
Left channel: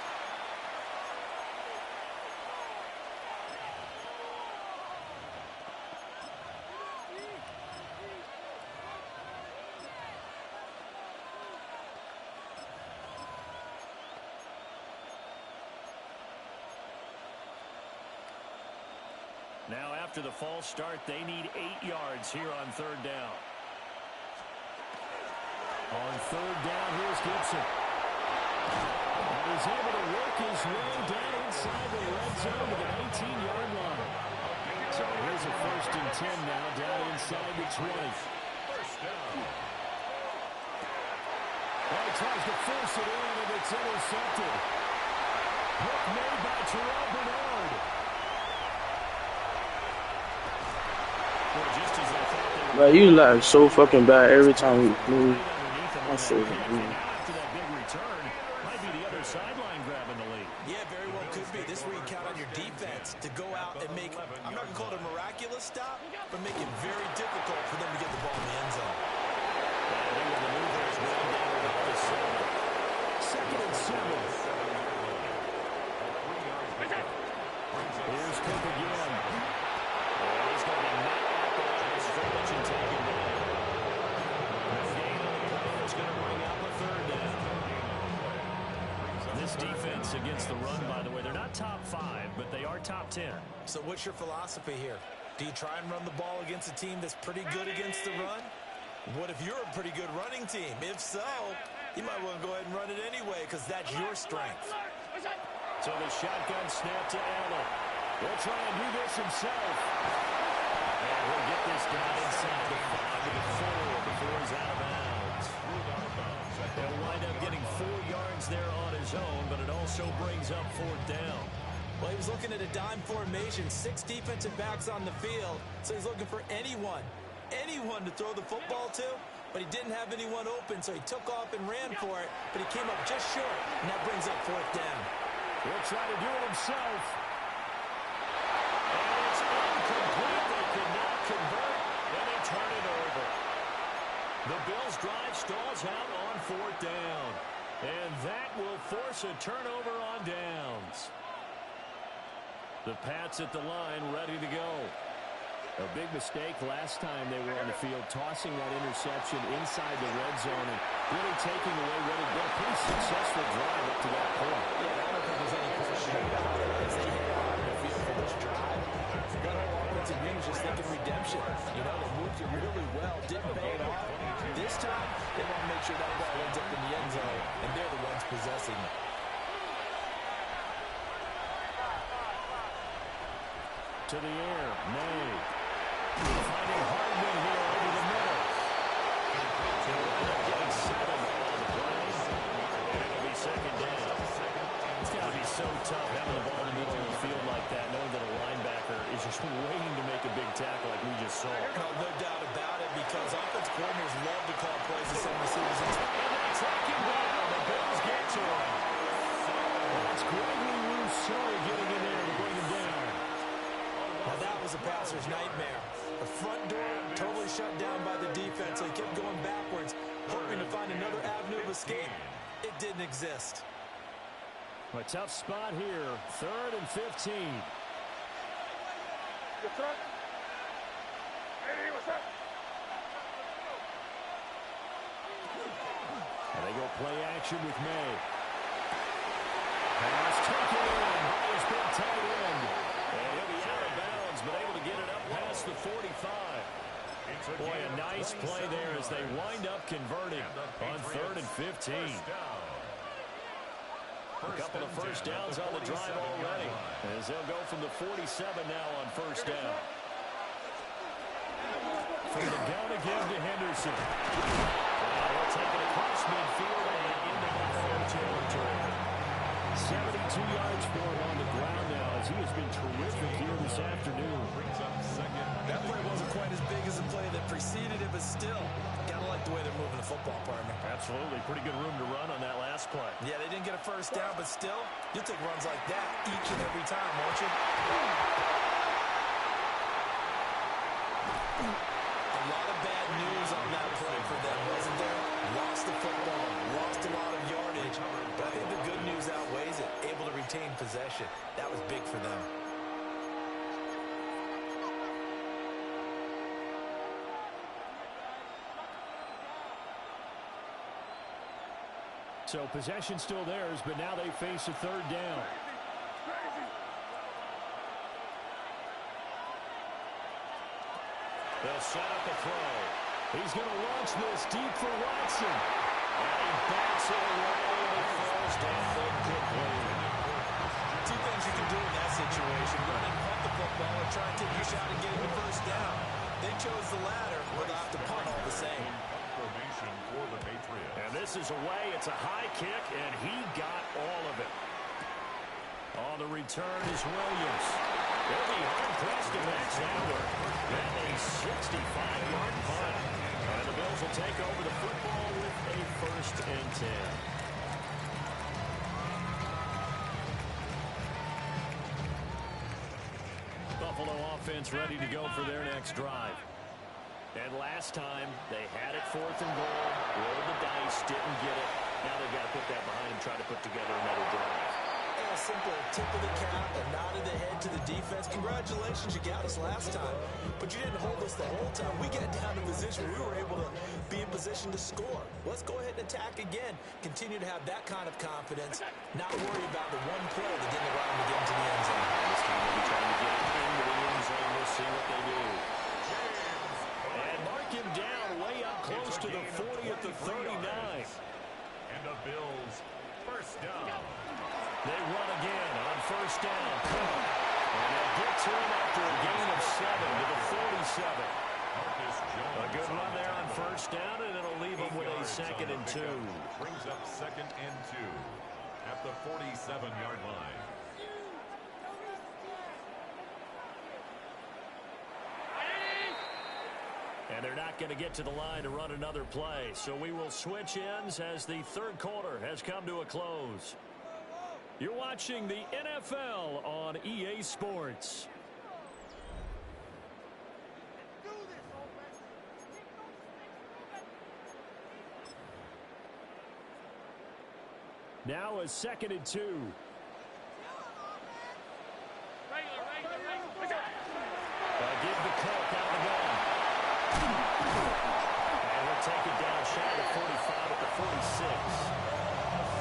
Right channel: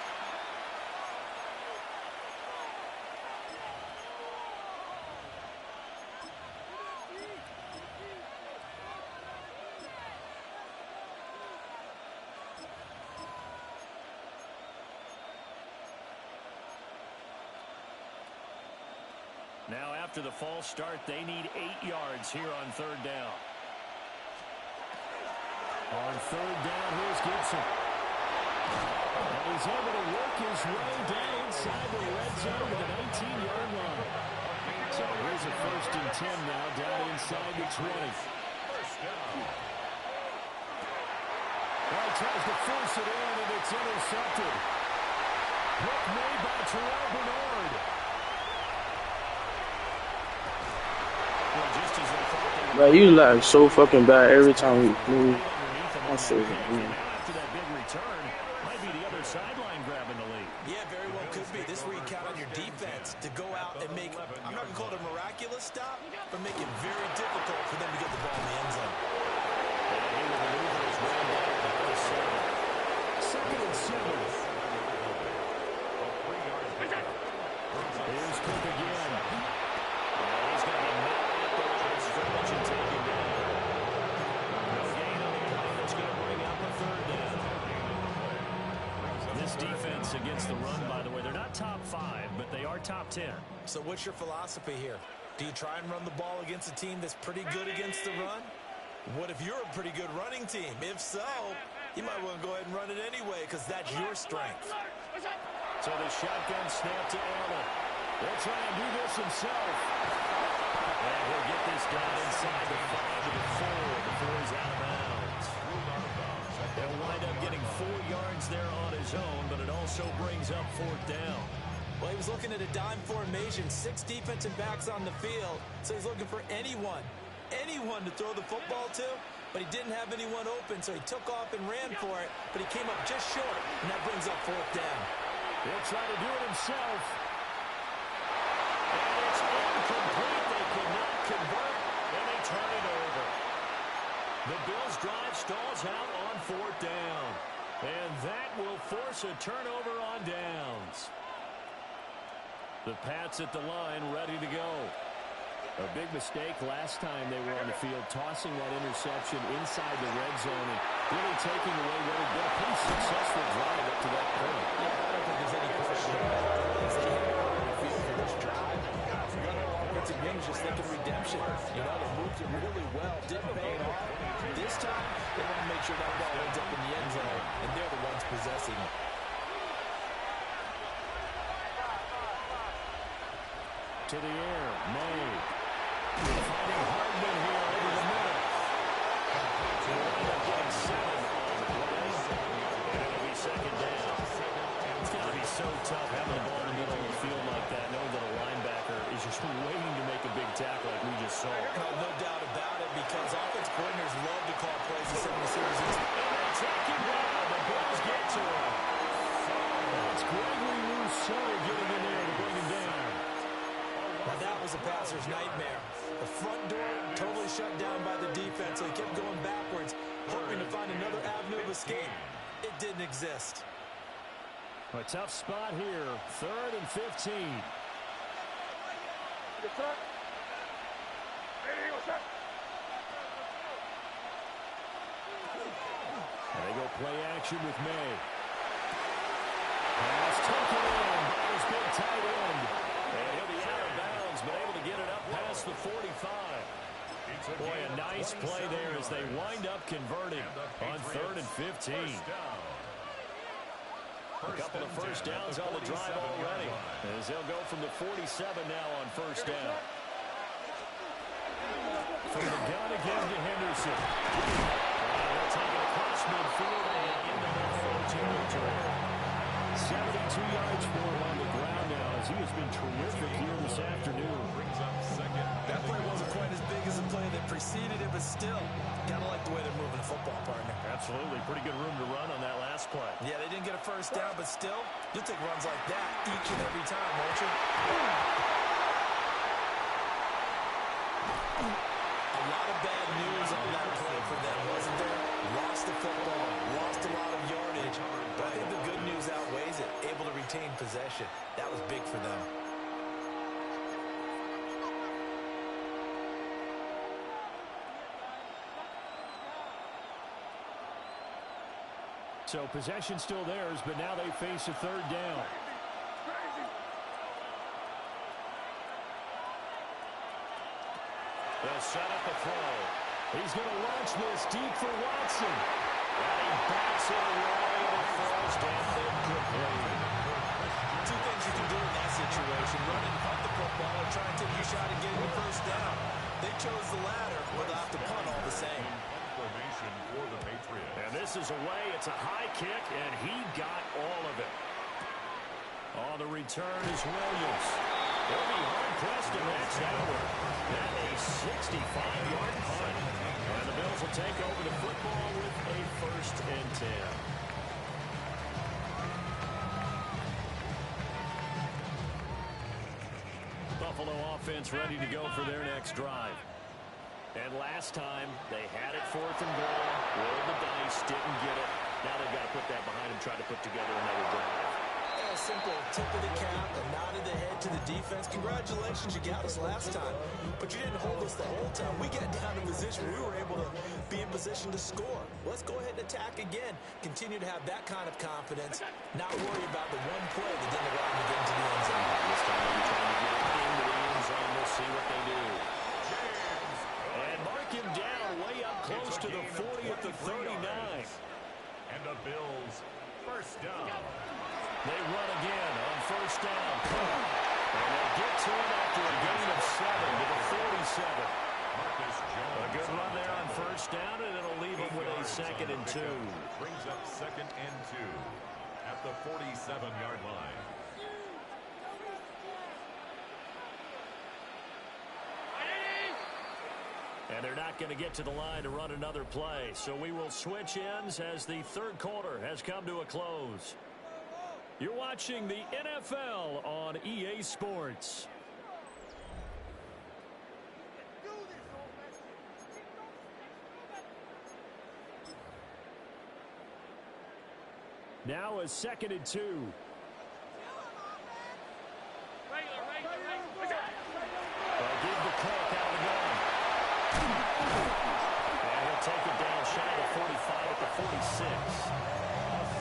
Now after the false start, they need 8 yards here on 3rd down. On 3rd down, here's Gibson. And he's able to work his way down inside the red zone to the 19-yard line. So here's a 1st and 10 now down inside the 20. First down. Well, he tries to force it in, and it's intercepted. Hook made by Terrell Bernard. Bro, you like so fucking bad every time we move. I say, after that big return, might be the other sideline grabbing the lead. Yeah, very well could be. This is where you count on your defense to go out and make, I'm not going to call it a miraculous stop, but make it very difficult for them to get the ball in the end zone. And he will maneuver his way down about the 7. 2nd and 7. Here's Cook again. And he's going to be met at the line of scrimmage and taken down. No gain on the play. That's going to bring up a 3rd down. This defense against the run, by the way, they're not top 5, but they are top 10. So what's your philosophy here? Do you try and run the ball against a team that's pretty good against the run? What if you're a pretty good running team? If so, you might want to go ahead and run it anyway because that's your strength. So the shotgun snap to Allen. He'll try and do this himself. And he'll get this down inside the 5 to the 4 before he's out of bounds. He'll wind up getting 4 yards there on his own, but it also brings up 4th down. Well, he was looking at a dime formation, 6 defensive backs on the field, so he's looking for anyone to throw the football to, but he didn't have anyone open, so he took off and ran for it, but he came up just short, and that brings up 4th down. He'll try to do it himself. And it's incomplete. They cannot convert, and they turn it over. The Bills' drive stalls out on 4th down, and that will force a turnover on downs. The Pats at the line, ready to go. A big mistake last time they were on the field, tossing that interception inside the red zone and really taking away what had been a pretty successful drive up to that point. Yeah, I don't think there's any question about it. As they hit out on the field for this drive, the whole offensive unit is just thinking redemption. You know, they moved it really well, didn't pay it off. This time, they want to make sure that ball ends up in the end zone, and they're the ones possessing it. To the air, May. Finding Hardman here over the middle. He'll wind up getting 7 on the play, and it'll be 2nd down. It's got to be so tough having the ball in the middle of the field like that, knowing that a linebacker is just waiting to make a big tackle like we just saw. No doubt about it, because offense coordinators love to call plays and send receivers in. And they take him down. The Bills get to him. That's Gregory Rousseau getting in there to bring him down. Now that was a passer's nightmare. The front door totally shut down by the defense, so he kept going backwards, hoping to find another avenue of escape. It didn't exist. A tough spot here, 3rd and 15. And they go play action with May. Pass taken in by his big tight end. And he'll be out of bounds, but able to get it up past the 45. Boy, a nice play there as they wind up converting on 3rd and 15. A couple of 1st downs on the drive already, as they'll go from the 47 now on 1st down. From the gun again to Henderson. And he'll take it across midfield and into Buffalo territory. 72 yards for him on the ground now, as he has been terrific here this afternoon. That play wasn't quite as big as the play that preceded it, but still, gotta like the way they're moving the football, partner. Absolutely. Pretty good room to run on that last play. Yeah, they didn't get a first down, but still, you'll take runs like that each and every time, won't you? A lot of bad news on that play for them, wasn't there? Lost the football, lost a lot of yardage, but I think the good news outweighs it. Able to retain possession. That was big for them. So possession still theirs, but now they face a third down. They'll set up a throw. He's going to launch this deep for Watson. And he bats it away, and it falls down incomplete. Two things you can do in that situation. Run and punt the football or try and take a shot at getting the first down. They chose the latter, but they'll have to punt all the same. Formation for the Patriots. And this is away. It's a high kick, and he got all of it. On the return is Williams. They'll be hard-pressed to match that work. That's a 65-yard punt. And the Bills will take over the football with a 1st and 10. Buffalo offense ready to go for their next drive. And last time, they had it 4th and goal, rolled the dice, didn't get it. Now they've got to put that behind them, try to put together another drive. A simple tip of the cap, a nod of the head to the defense. Congratulations, you got us last time, but you didn't hold us the whole time. We got down to position. We were able to be in position to score. Let's go ahead and attack again. Continue to have that kind of confidence. Not worry about the one play that didn't allow them to get into the end zone. This time they'll be trying to get it into the end zone. We'll see what they do. And mark him down way up close to the 40 at the 39. And the Bills, 1st down. They run again on 1st down. And they'll get to him after a gain of 7 to the 47. A good run there on 1st down, and it'll leave him with a 2nd and 2. Brings up 2nd and 2 at the 47-yard line. And they're not going to get to the line to run another play. So we will switch ends as the 3rd quarter has come to a close. You're watching the NFL on EA Sports. Now a 2nd and 2. Give the Cook out of the gun. And he'll take it down shy of the 45 at the 46.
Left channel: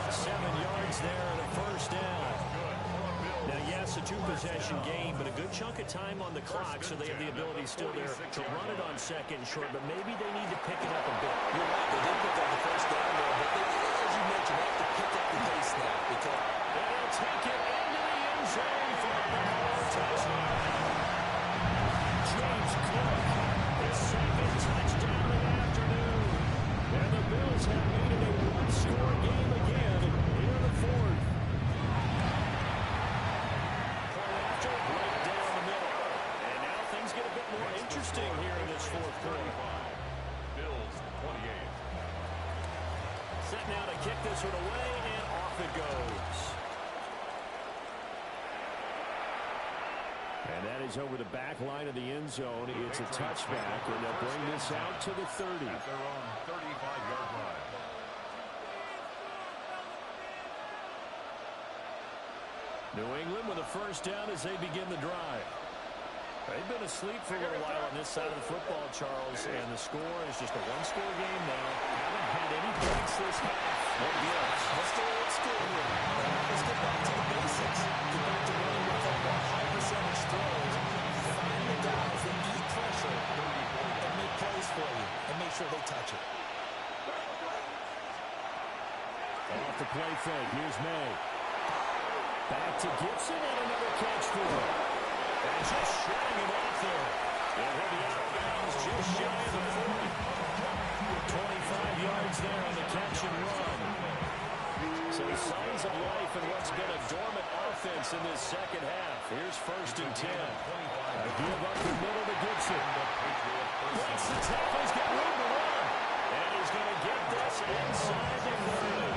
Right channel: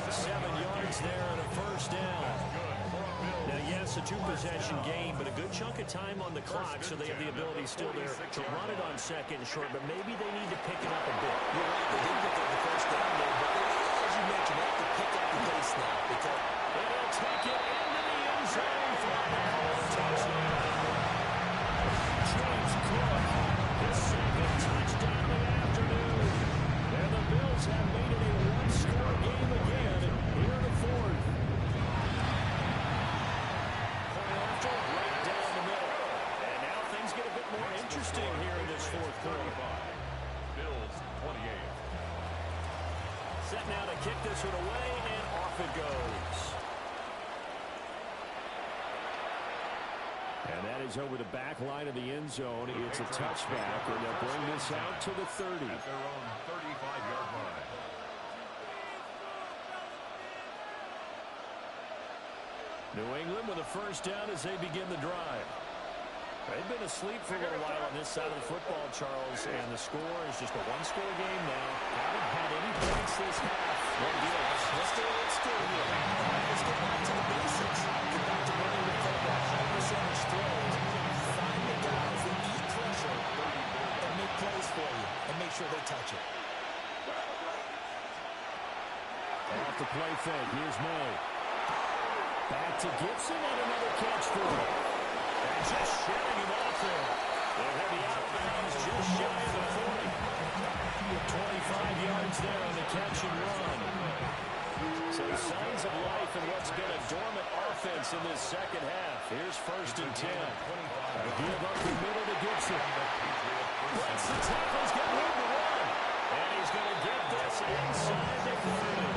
7 yards there and a 1st down. Now, yes, a 2-possession game, but a good chunk of time on the clock, so they have the ability still there to run it on 2nd and short, but maybe they need to pick it up a bit. You're right, they did pick up the 1st down there, but they, as you mentioned, they have to pick up the pace now. Because and he'll take it into the end zone for a touchdown. James Cook, his 2nd touchdown of the afternoon. And the Bills have made it a 1-score game again here in the 4th. Point after, right down the middle. And now things get a bit more interesting here in this 4th quarter. Bills 28. Set now to kick this one away, and off it goes. And that is over the back line of the end zone. It's a touchback, and they'll bring this out to the 30. At their own 35-yard line. New England with a 1st down as they begin the drive. They've been asleep for a little while on this side of the football, Charles, and the score is just a 1-score game now. Haven't had any points this half. What gives? Let's go old school here. Let's get back to the basics. Get back to running the football, high percentage throws. Find the guys that eat pressure and make plays for you, and make sure they touch it. Off the play fake. Here's May. Back to Gibson, and another catch for him. And just shutting him off there. And he'll be out of bounds just shy of the 40. 25 yards there on the catch and run. So signs of life in what's been a dormant offense in this second half. Here's 1st and 10. A give up the middle to Gibson. Blitz the tackle. He's got room to run. And he's going to get this inside the 30.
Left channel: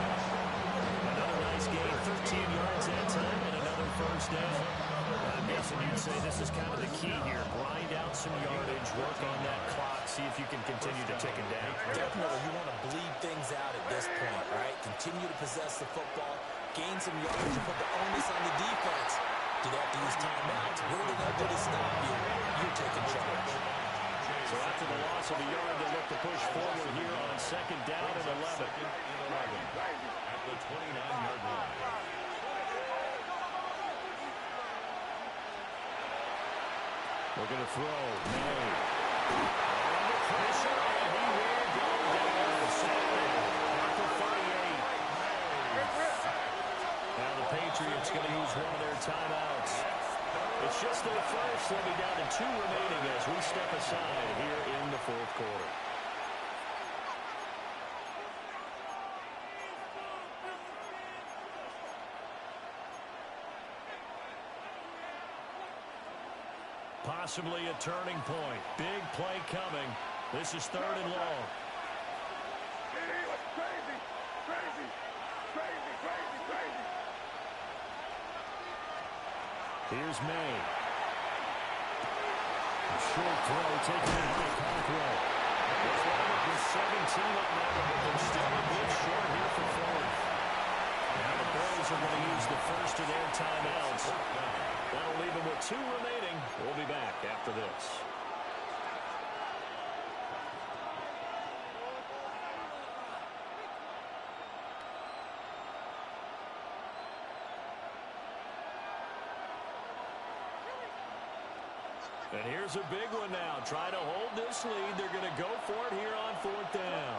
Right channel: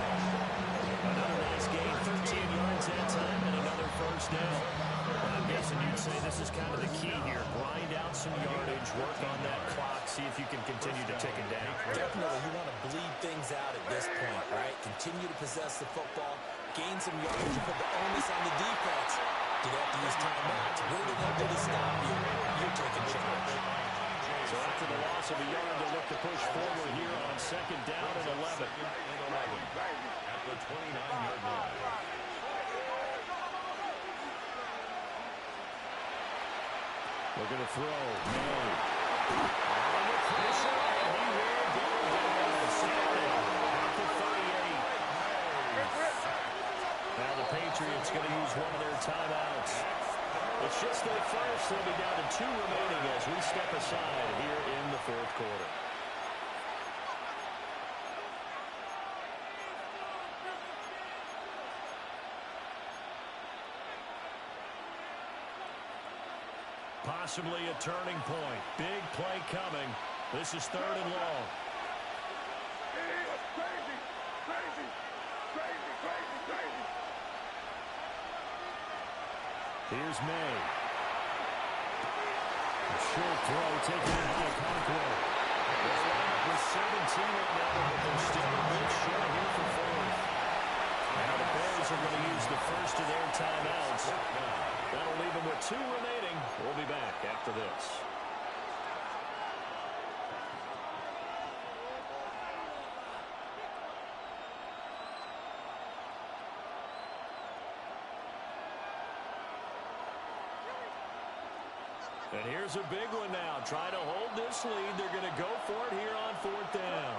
Another nice gain, 13 yards that time, and another first down. I'm guessing you'd say this is kind of the key here. Grind out some yardage, work on that clock, see if you can continue to tick it down. Definitely, you want to bleed things out at this point, right? Continue to possess the football, gain some yardage, and put the onus on the defense. Do they have to use timeouts? What are they going to do to stop you? You're taking charge. So after the loss of a yard, they look to push forward here on second down and 11. At the 29-yard line. Looking to throw. May. Under pressure, and he will go down. Saturday at the 38. Now the Patriots going to use one of their timeouts. It's just their first. They'll be down to 2 remaining as we step aside here in the fourth quarter. Possibly a turning point. Big play coming. This is 3rd and long. Here's May. A short throw taken in by Conquo. They'll line up with 17 on that one, but they're still a bit short here for 4th. Now the Bills are going to use the first of their timeouts. That'll leave them with 2 remaining. We'll be back after this. And here's a big one now. Try to hold this lead. They're going to go for it here on 4th down.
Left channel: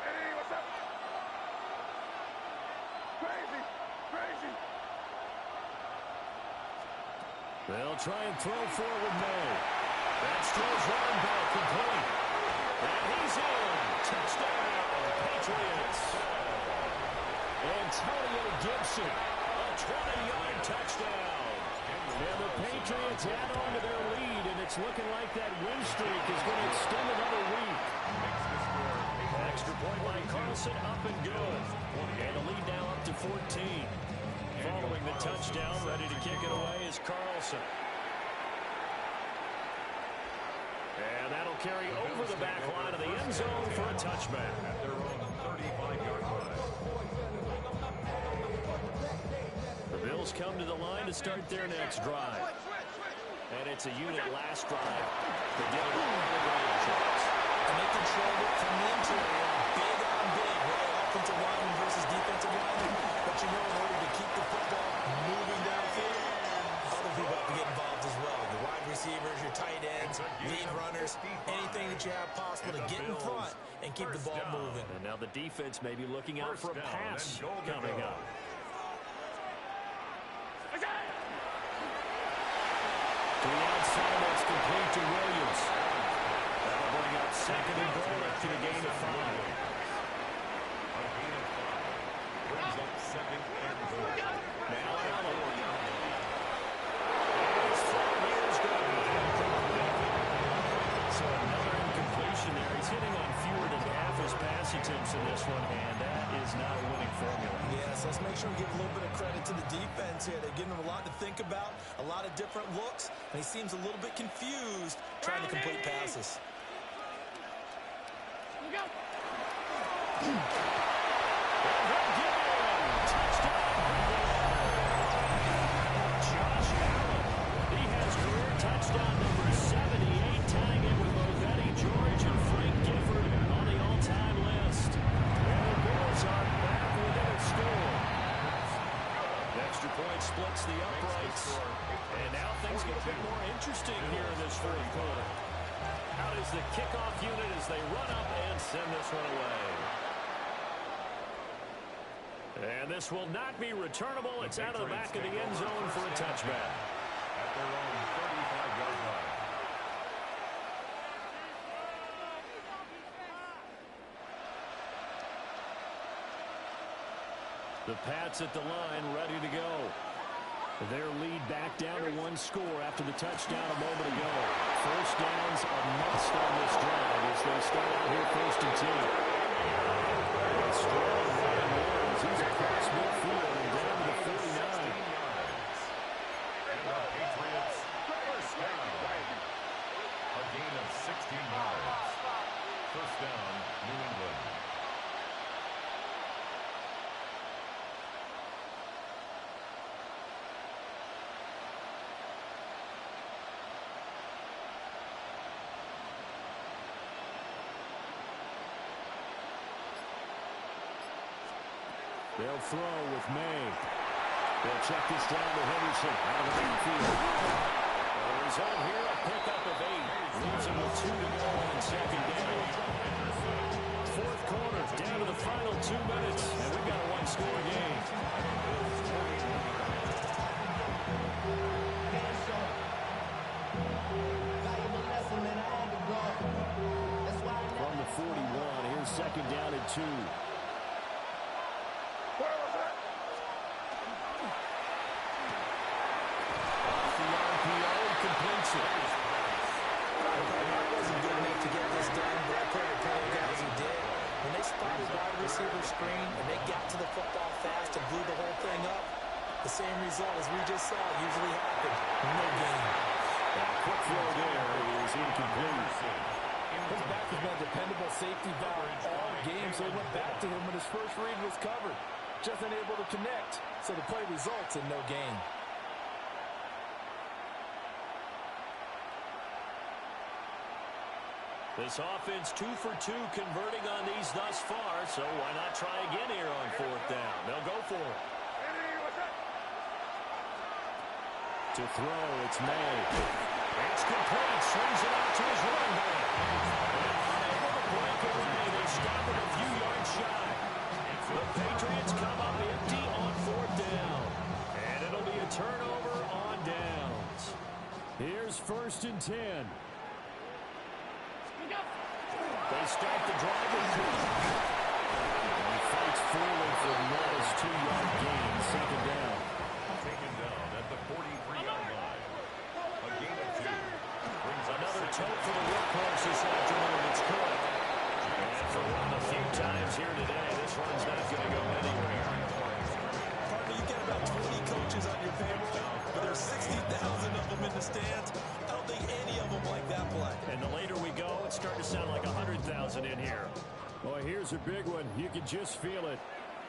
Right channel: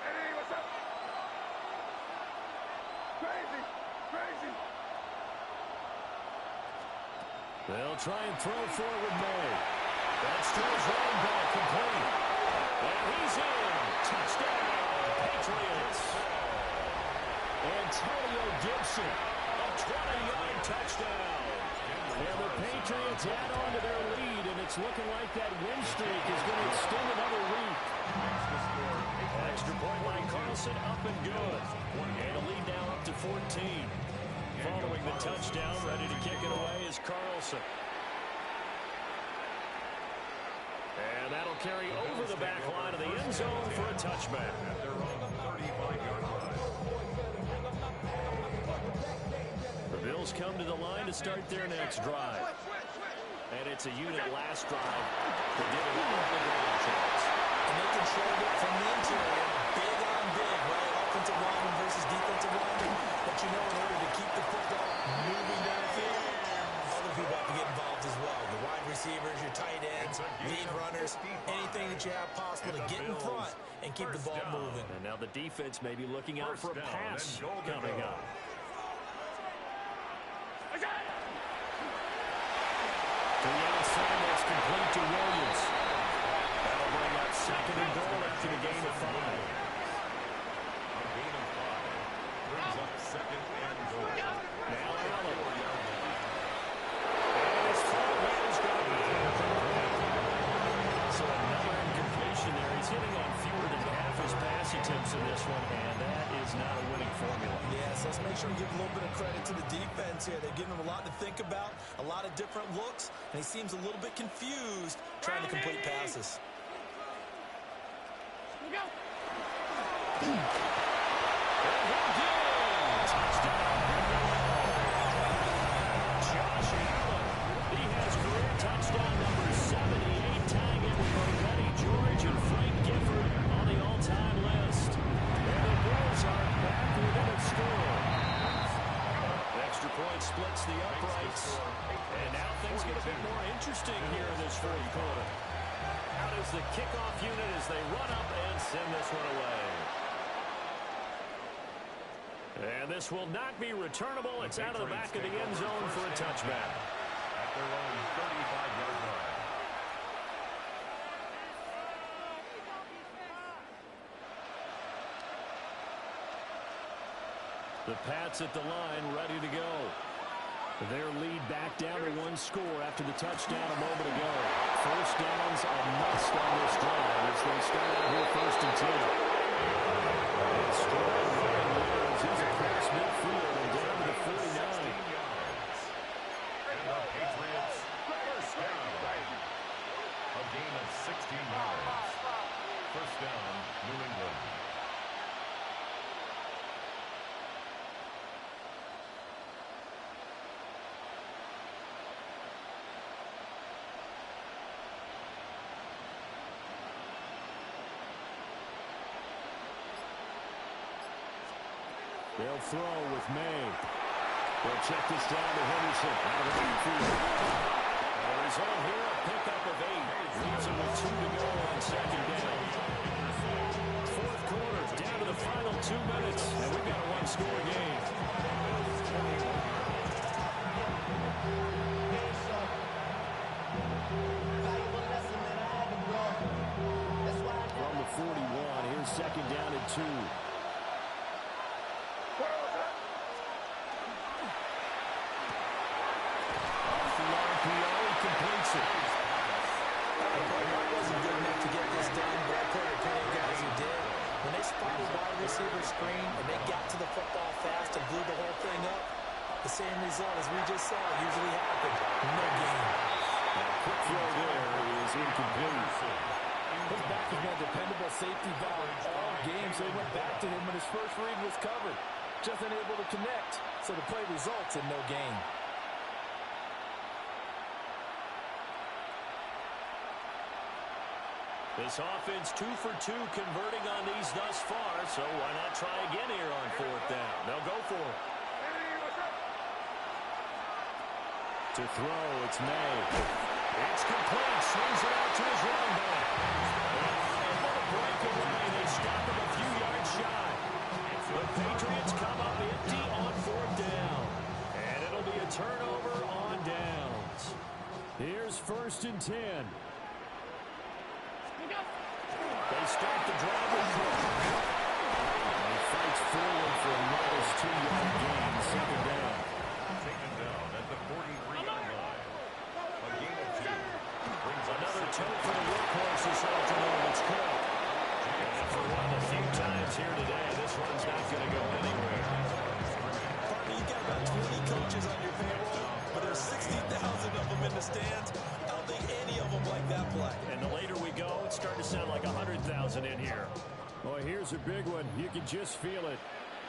Hey, what's up? Crazy. They'll try and throw for it with May. That's to his running back, complete. And he's in. Touchdown, Patriots. Antonio Gibson, a 20-yard touchdown. And the Patriots add on to their lead, and it's looking like that win streak is going to extend another week. Extra point by Carlson, up and good. And a lead now up to 14. Following the touchdown, ready to kick it away is Carlson. And that'll carry over the back line of the end zone for a touchback. At their own 35-yard line. The Bills come to the line to start their next drive. And it's a unit last drive that did it all on the ground, Charles. And they controlled it from the interior. Big on big, right? Offensive lineman versus defensive lineman. But you know, in order to keep the football moving downfield, other people have to get involved as well. Your wide receivers, your tight ends, lead runners, anything that you have possible to get in front and keep the ball moving. And now the defense may be looking out for a pass coming up. To the outside, that's complete to Williams. That'll bring up 2nd and goal after the gain of 5. A gain of 5 brings up 2nd and goal. Now Allen. And his throw here is going to be incomplete. So another incompletion there. He's hitting on fewer than half his pass attempts in this one, and that is not a winning formula. Yeah, so let's make sure we give a little bit of credit to the defense here. They've given him a lot to think about, a lot of different looks, and he seems a little bit confused trying to complete passes. And he'll get in. Touchdown, Buffalo. Josh Allen. He has career touchdown number 78, tying it with Movetti George and Frank Gifford on the all-time list. And the Bills are back within a score. Extra point splits the uprights. And now things get a bit more interesting here in this fourth quarter. Out is the kickoff unit as they run up and send this one away. And this will not be returnable. It's out of the back of the end zone for a touchback. At their own 35-yard line. The Pats at the line, ready to go. Their lead back down to one score after the touchdown a moment ago. First down's a must on this drive as they start out here 1st and 10. A strong run there as he's across midfield and down to the 49. And the Patriots first down. A gain of 16 yards. First down, New England. They'll throw with May. They'll check this down to Henderson out of the backfield. The result here, a pickup of 8. Leaves them with 2 to go on 2nd down. 4th quarter, down to the final 2 minutes, and we've got a one-score game. From the 41, here's 2nd down and 2. Completes it. I wasn't good enough to get this done, but I credit the guys who did. When they spotted wide receiver screen and they got to the football fast and blew the whole thing up, the same result as we just saw usually happened. No gain. That quick throw there is incomplete. His back has been a dependable safety valve all game, so he went back to him when his first read was covered. Just unable to connect, so the play results in no gain. This offense 2 for 2 converting on these thus far, so why not try again here on 4th down? They'll go for it. To throw, it's May. It's complete. Swings it out to his running back. And unable to break away. They stop him a few yards shy. The Patriots come up empty on 4th down. And it'll be a turnover on downs. Here's 1st and 10. They start the drive with Cook. He fights forward for a modest 2-yard gain, 2nd down. Taken down at the 43-yard line. A gain of 2. Brings another tote for the workhorse this afternoon. It's Cook. And for one of the few times here today, this run's not going to go anywhere. Partner, you got about 20 coaches on your payroll, but there's 60,000 of them in the stands. I don't think any of them like that play. And the later we go, it's starting to sound like 100,000 in here. Boy, here's a big one. You can just feel it.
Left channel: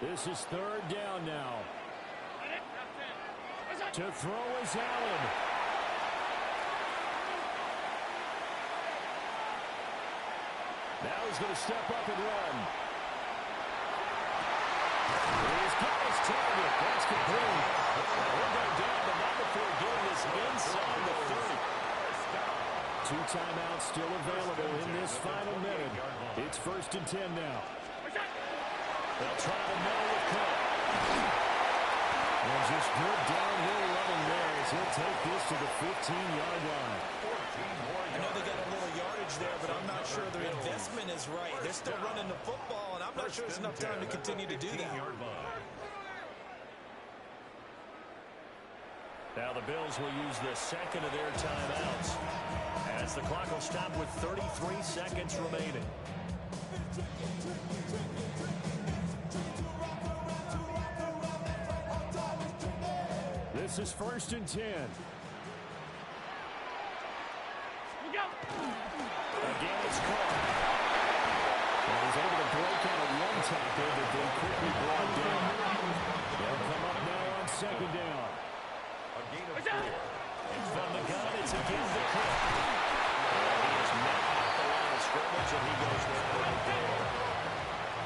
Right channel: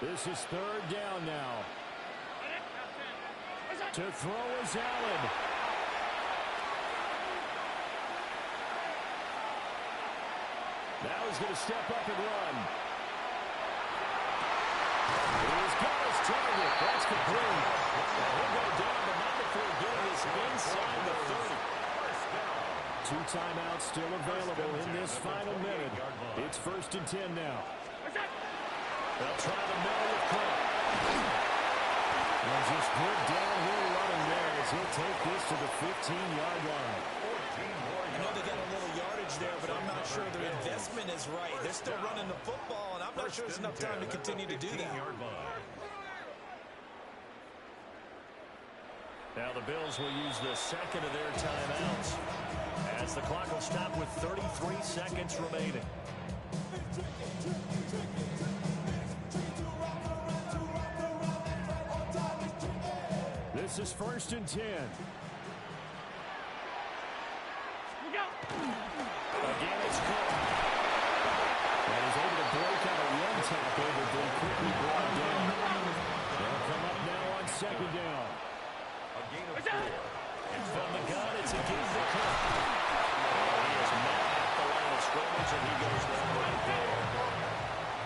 This is 3rd down now. To throw is Allen. Now he's going to step up and run. He's got his target. That's complete. Now he'll go down, but not before getting this inside the 30. 2 timeouts still available in this final minute. It's 1st and 10 now. They'll try the middle with Cook. And just good downhill running there as he'll take this to the 15-yard line. I know they got a little yardage there, but I'm not sure their investment is right. They're still running the football, and I'm not sure there's enough time to continue to do that. Now the Bills will use the 2nd of their timeouts as the clock will stop with 33 seconds remaining. This is 1st and 10. Again, it's Cook. And he's able to break out a one tackle, but then quickly brought down. They'll come up now on 2nd down. A gain of 4. And from the gun, it's again to Cook. And he is met at the line of scrimmage, and he goes down right there.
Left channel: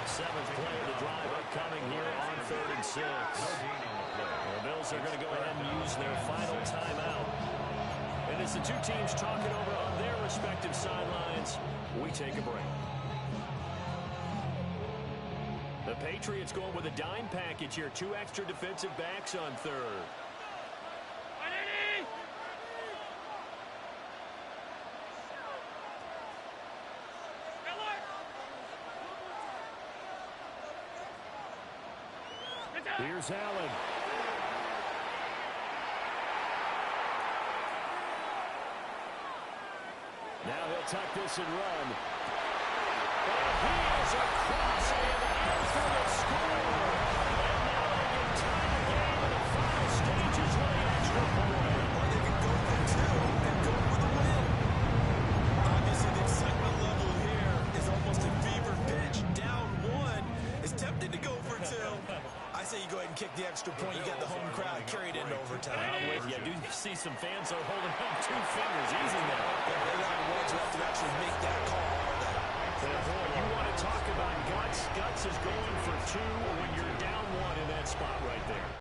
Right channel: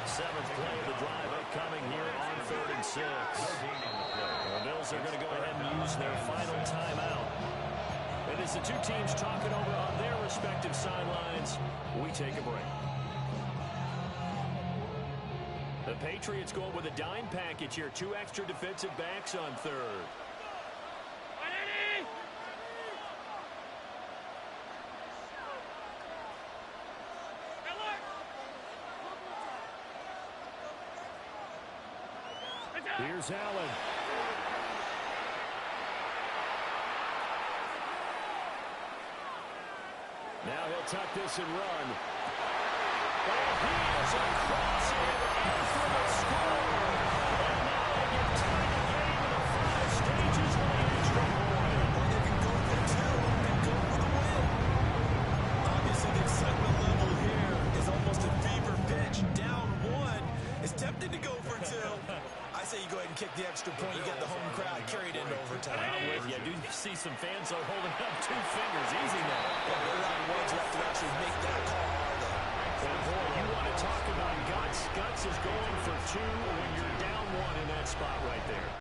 7th play of the drive upcoming here on 3rd and 6. The Bills are going to go ahead and use their final timeout. And as the two teams talk it over on their respective sidelines, we take a break. The Patriots going with a dime package here. 2 extra defensive backs on 3rd. Here's Allen. Now he'll tuck this and run. And he is across and in for the score. And now they get tied the game in the final stages with an extra point. Or they can go for two and go for the win. Obviously, the excitement level here is almost a fever pitch. Down one. It's tempting to go for two. I say you go ahead and kick the extra point. You get the home crowd carried into overtime. I'm with you. I do see some fans are holding up 2 fingers. Easy now. Yeah, they're not the ones who have to actually make that call, are they? And boy, you want to talk about guts. Guts is going for 2 when you're down 1 in that spot right there.